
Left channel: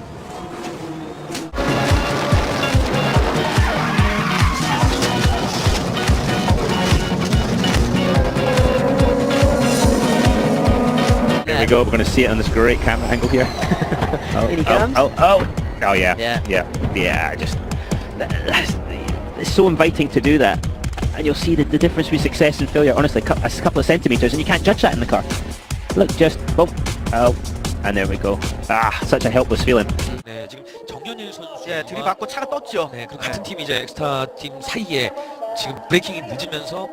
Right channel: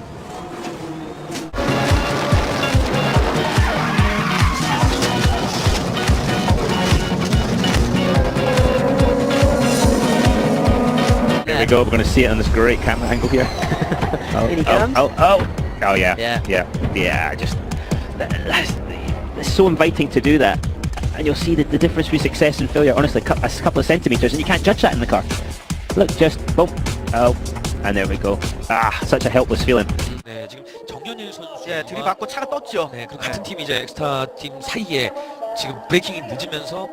There we go, we're going to see it on this great camera thing with you. Oh yeah, just it's so inviting to do that, and you'll see the difference between success and failure, honestly, a couple of centimetres, and you can't judge that in the car. Look, just and there we go. Such a helpless feeling. 지금 정현일 선수의 들이받고 차가 떴죠. 네, 그리고 같은 팀 이제 엑스타 팀 사이에 지금 브레이킹이 늦으면서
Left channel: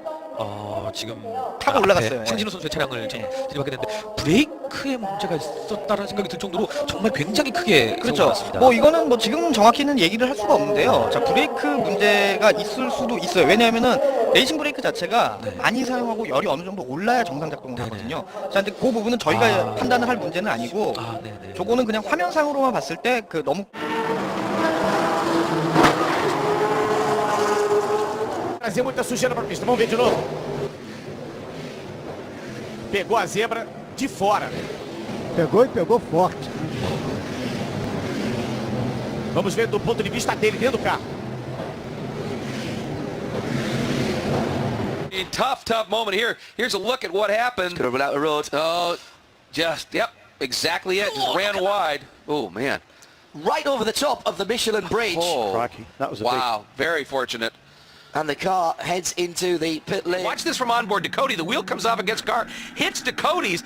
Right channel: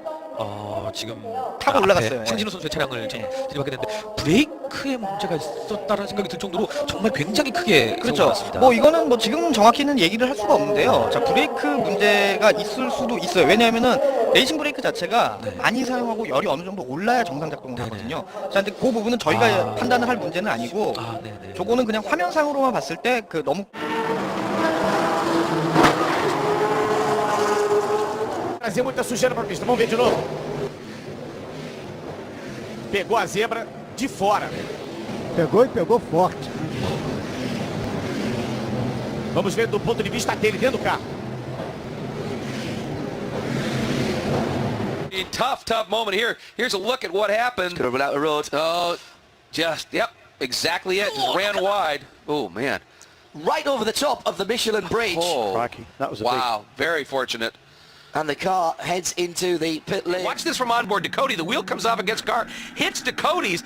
지금 타고 올라갔어요. 신진호 선수의 차량을 진입하게 됐는데 브레이크에 문제가 있었다는 생각이 들 정도로 정말 굉장히 크게 그렇죠. 뭐 이거는 뭐 지금 정확히는 얘기를 할 수가 없는데요. 자, 브레이크 문제가 있을 수도 있어요. 왜냐하면은 레이싱 브레이크 자체가 많이 사용하고 열이 어느 정도 올라야 정상 작동을 하거든요. 자, 근데 그 부분은 저희가 판단을 할 문제는 아니고, 저거는 그냥 화면상으로만 봤을 때 그 너무 Trazer muita sujeira para a pista. Vamos ver de novo. Pegou a zebra de fora. Pegou e pegou forte. Vamos ver do ponto de vista dele, dentro do carro. Tough moment here. Here's a look at what happened. Drove out the road. Yep, exactly it. Just ran wide. Oh, man. Right over the top of the Michelin bridge. That was Wow, very fortunate. And the car heads into the pit lane. Watch this from onboard Ducati. The wheel comes off against car, hits Ducati's.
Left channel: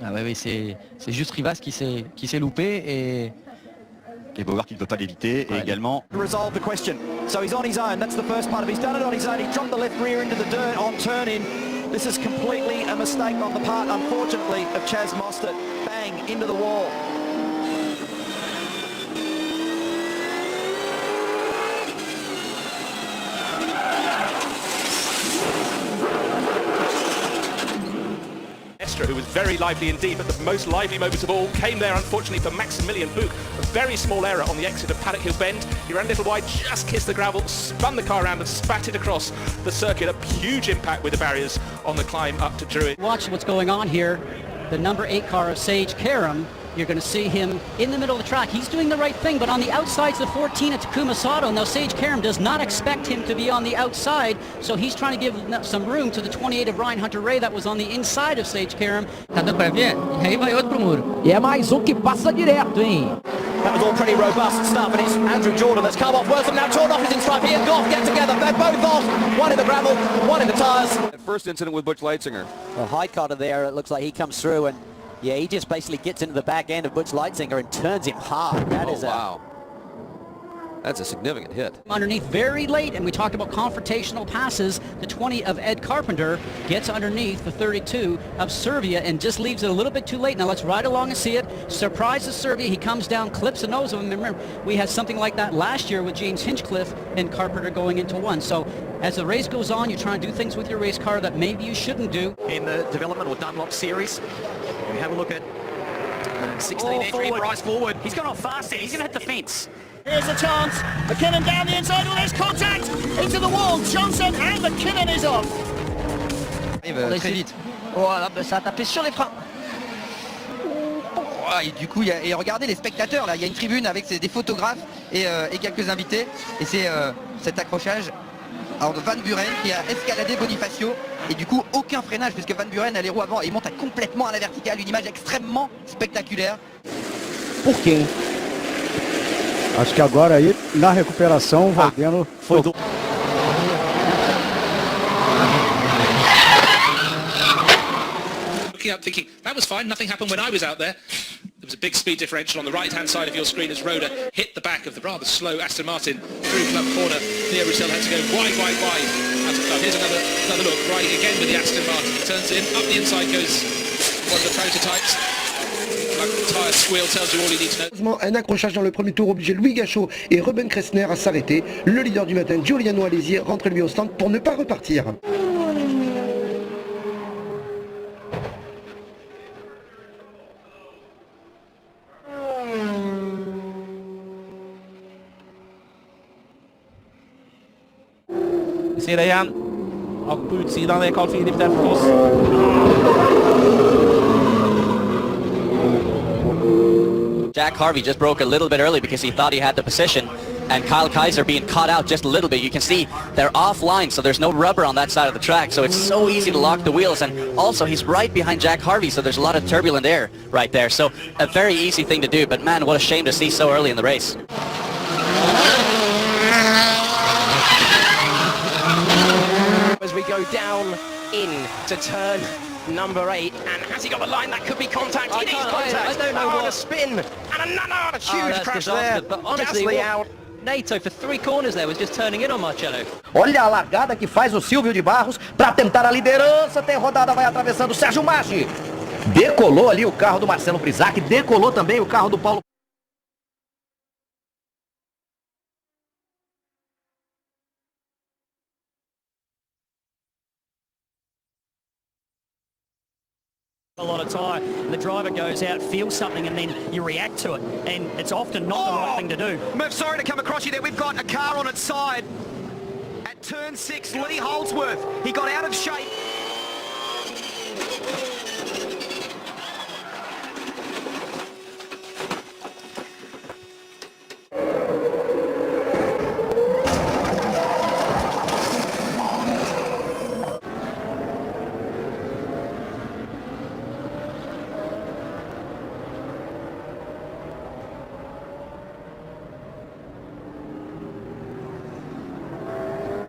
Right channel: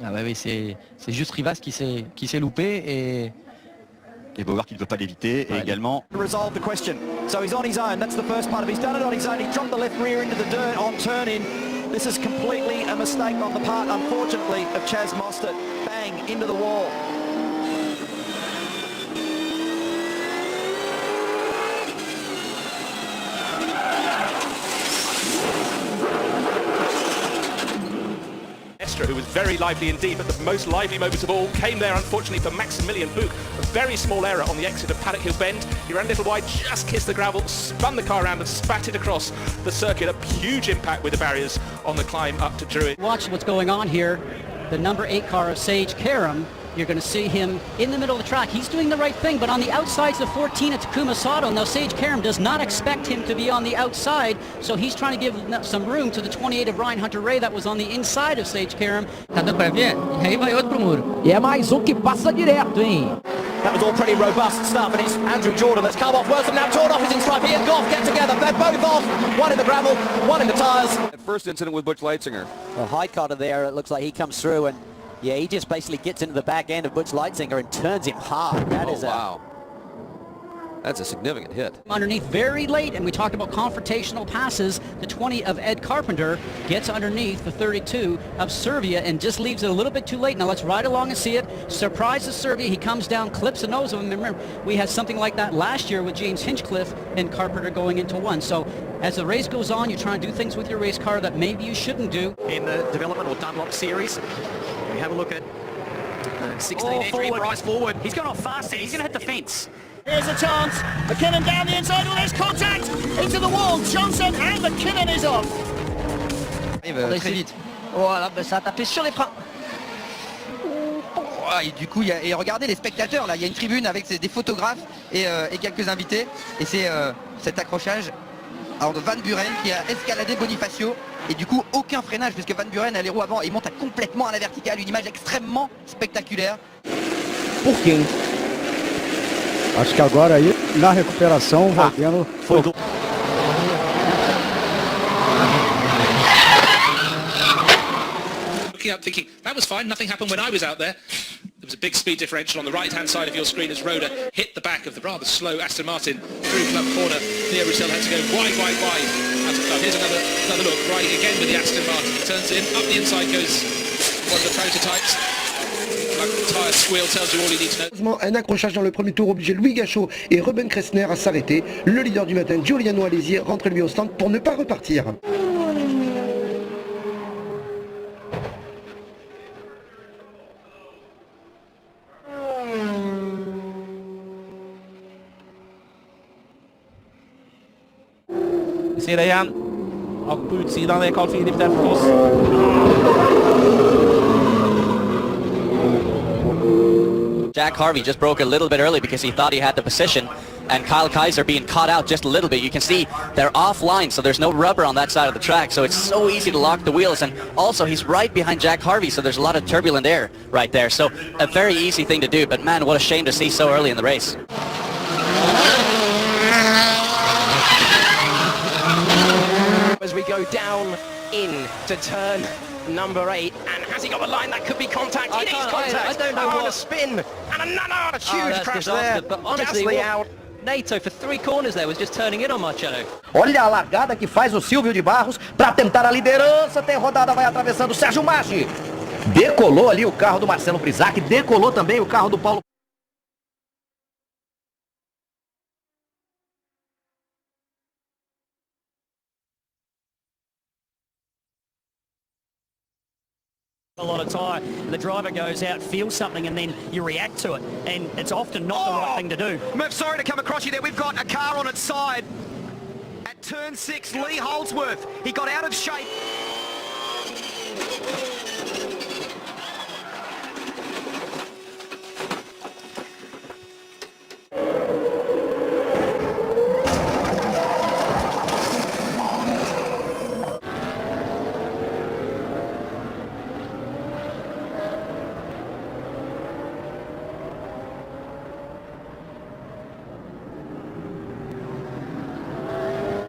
Ah ouais, c'est juste Rivas qui s'est loupé et Bogart qui ne peut pas l'éviter et également. Resolve the question. So he's on his own. That's the first part of it. He's done it on his own. He dropped the left rear into the dirt on turn-in. This is completely a mistake on the part, unfortunately, of Chaz Mostert. Bang, into the wall. Who was very lively indeed, but the most lively moment of all came there, unfortunately, for Maximilian Buch. A very small error on the exit of Paddock Hill Bend. He ran a little wide, just kissed the gravel, spun the car around and spat it across the circuit. A huge impact with the barriers on the climb up to Druid. Watching what's going on here, the number 8 car of Sage Karam, you're going to see him in the middle of the track. He's doing the right thing, but on the outside's the 14 at Takuma Sato. Now Sage Karam does not expect him to be on the outside, so he's trying to give some room to the 28 of Ryan Hunter-Reay that was on the inside of Sage Karam. Tá dando pra ver? E aí vai outro pro muro. E é mais um que passa direto, hein? That was all pretty robust stuff. It's Andrew Jordan that's come off. Wilson now torn off. It's like the off. Get together. They're both off. One in the gravel, one in the tyres. The first incident with Butch Leitzinger. Well, Highcotter there, it looks like he comes through and yeah, he just basically gets into the back end of Butch Leitzinger and turns him hard. That is wow. That's a significant hit. Underneath very late, and we talked about confrontational passes. The 20 of Ed Carpenter gets underneath the 32 of Servia and just leaves it a little bit too late. Now let's ride along and see it. Surprises Servia. He comes down, clips the nose of him. Remember, we had something like that last year with James Hinchcliffe and Carpenter going into one. So as the race goes on, you try and do things with your race car that maybe you shouldn't do. In the development or Dunlop series, we have a look at 16 entry, Bryce forward. He's going off fast here. He's going to hit the fence. Here's a chance. McKinnon down the inside. Oh, there's contact into the wall. Johnson and McKinnon is off. Très vite. Voilà, ça a tapé sur les freins. Et du coup, et regardez les spectateurs là. Il y a une tribune avec des photographes et quelques invités. Et c'est cet accrochage alors de Van Buren qui a escaladé Bonifacio. Et du coup, aucun freinage puisque Van Buren a les roues avant. Il monte complètement à la verticale. Une image extrêmement spectaculaire. Por quê? Acho que agora aí, na recuperação, vai tendo... Looking up thinking, that was fine, nothing happened when I was out there. There was a big speed differential on the right-hand side of your screen as Rhoda hit the back of the rather slow Aston Martin through club corner. Theo Roussel had to go wide out of club. Here's another look, riding again with the Aston Martin. He turns in, up the inside goes one of the prototypes. Tire squeal tells you all you need to know. Un accrochage dans le premier tour obligeait Louis Gachot et Ruben Kressner à s'arrêter. Le leader du matin, Giuliano Alesi, rentre lui au stand pour ne pas repartir. Vi ser det igen. Och på utsidan är Carl Philip där för oss. Jack Harvey just broke a little bit early because he thought he had the position. and Kyle Kaiser being caught out just a little bit. You can see they're offline, so there's no rubber on that side of the track, so it's so easy to lock the wheels. And also, he's right behind Jack Harvey, so there's a lot of turbulent air right there. So a very easy thing to do, but man, what a shame to see so early in the race. As we go down in to turn number 8, and has he got the line? That could be contact. It is contact. A spin and another huge crash there. But honestly, NATO for 3 corners there was just turning in on Marcello. Olha a largada que faz o Silvio de Barros para tentar a liderança. Tem rodada, vai atravessando o Sérgio Maggi. Decolou ali o carro do Marcelo Brisac, decolou também o carro do Paulo. A lot of time, the driver goes out, feels something, and then you react to it, and it's often not the right thing to do. Murph, sorry to come across you there. We've got a car on its side. At turn 6, Lee Holdsworth. He got out of shape.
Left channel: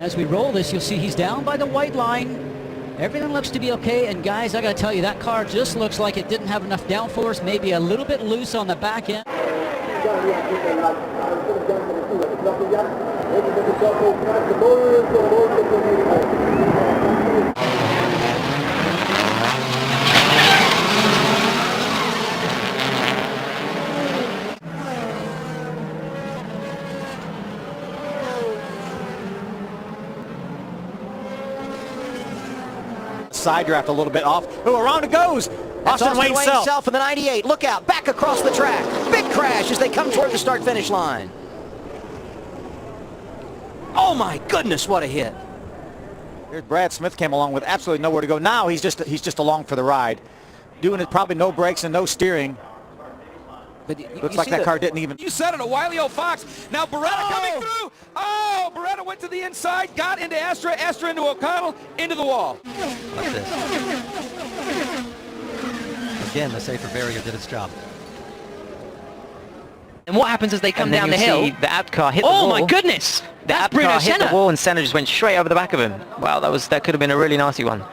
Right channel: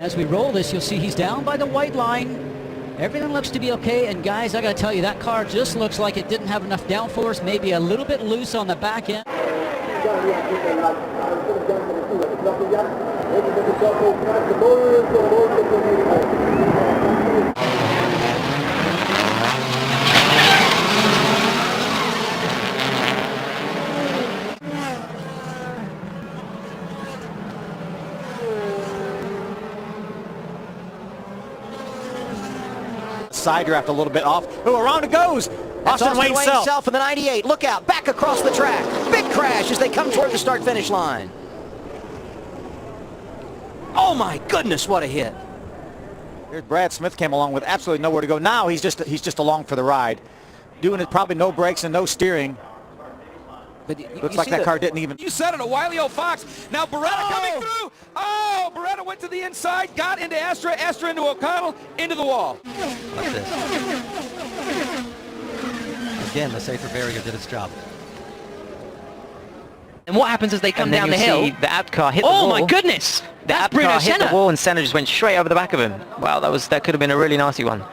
As we roll this, you'll see he's down by the white line. Everything looks to be okay, and guys, I gotta tell you, that car just looks like it didn't have enough downforce, maybe a little bit loose on the back end. Side draft a little bit off. Oh, around it goes. Austin Wayne Self in the 98. Look out, back across the track. Big crash as they come toward the start-finish line. Oh my goodness, what a hit. Here's Brad Smith came along with absolutely nowhere to go. Now he's just along for the ride. Doing it probably no brakes and no steering. But looks like that car didn't even. You said it, a Wile E. Fox. Now Beretta coming through. Oh, Beretta went to the inside, got into Astra into O'Connell, into the wall. Like this. Again, the safer barrier did its job. And what happens is they come down the hill? The out car hit the wall. Oh my goodness! The out car hit the wall and Senna just went straight over the back of him. Wow, that could have been a really nasty one.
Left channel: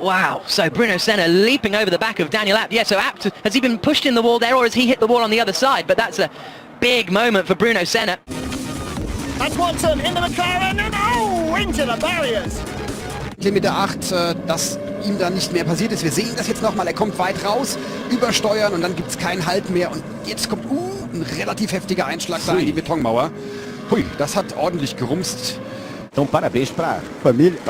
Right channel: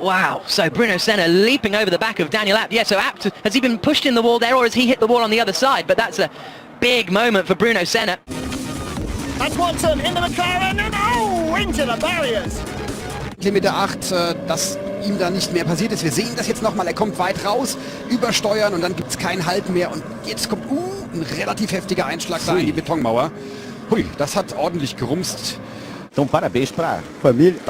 Wow, so Bruno Senna leaping over the back of Daniel Abt. Yeah, so Abt, has he been pushed in the wall there, or has he hit the wall on the other side? But that's a big moment for Bruno Senna. That's Watson into the car and then into the barriers. Kilometer 8, dass ihm da nicht mehr passiert ist. Wir sehen das jetzt nochmal, er kommt weit raus, übersteuern und dann gibt es keinen Halt mehr. Und jetzt kommt ein relativ heftiger Einschlag da in die Betonmauer. Hui, das hat ordentlich gerumst. Então parabéns pra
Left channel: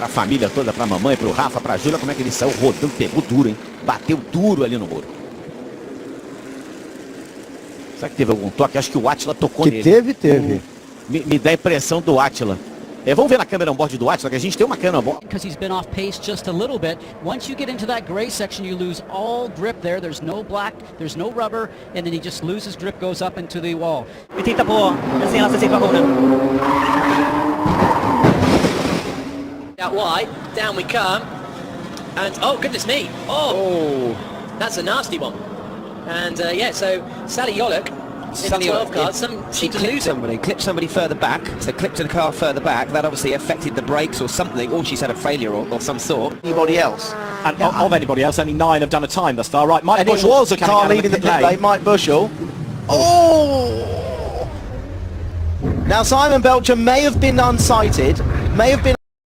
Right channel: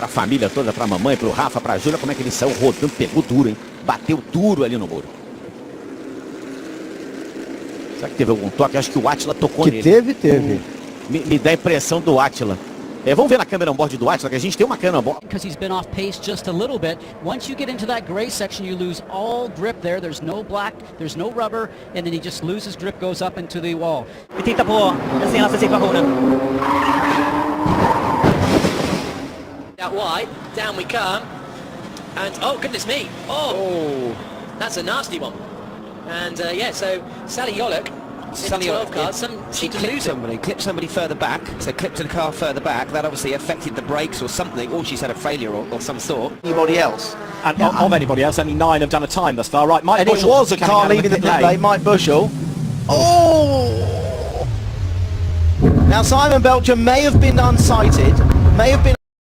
família toda, pra mamãe, pro Rafa, pra Júlia, como é que eles são, rodando, pegou duro, hein? Bateu duro ali no muro. Será que teve algum toque? Acho que o Átila tocou nele. Teve. Me dá a impressão do Átila. Vamos ver na câmera on-board do Átila, que a gente tem uma câmera on-board. Because he's been off pace just a little bit. Once you get into that gray section, you lose all grip there. There's no black, there's no rubber, and then he just loses grip, goes up into the wall. Out wide, down we come, and oh goodness me, oh. That's a nasty one. And yeah, so Sally Yolok, 12 cars, she clipped somebody further back, so clipped to the car further back, that obviously affected the brakes or something, or she's had a failure of some sort. Anybody else? And of anybody else, only 9 have done a time thus far, right? Mike Bushell was a car leading the day. Mike Bushell. Oh! Now Simon Belcher may have been unsighted, may have been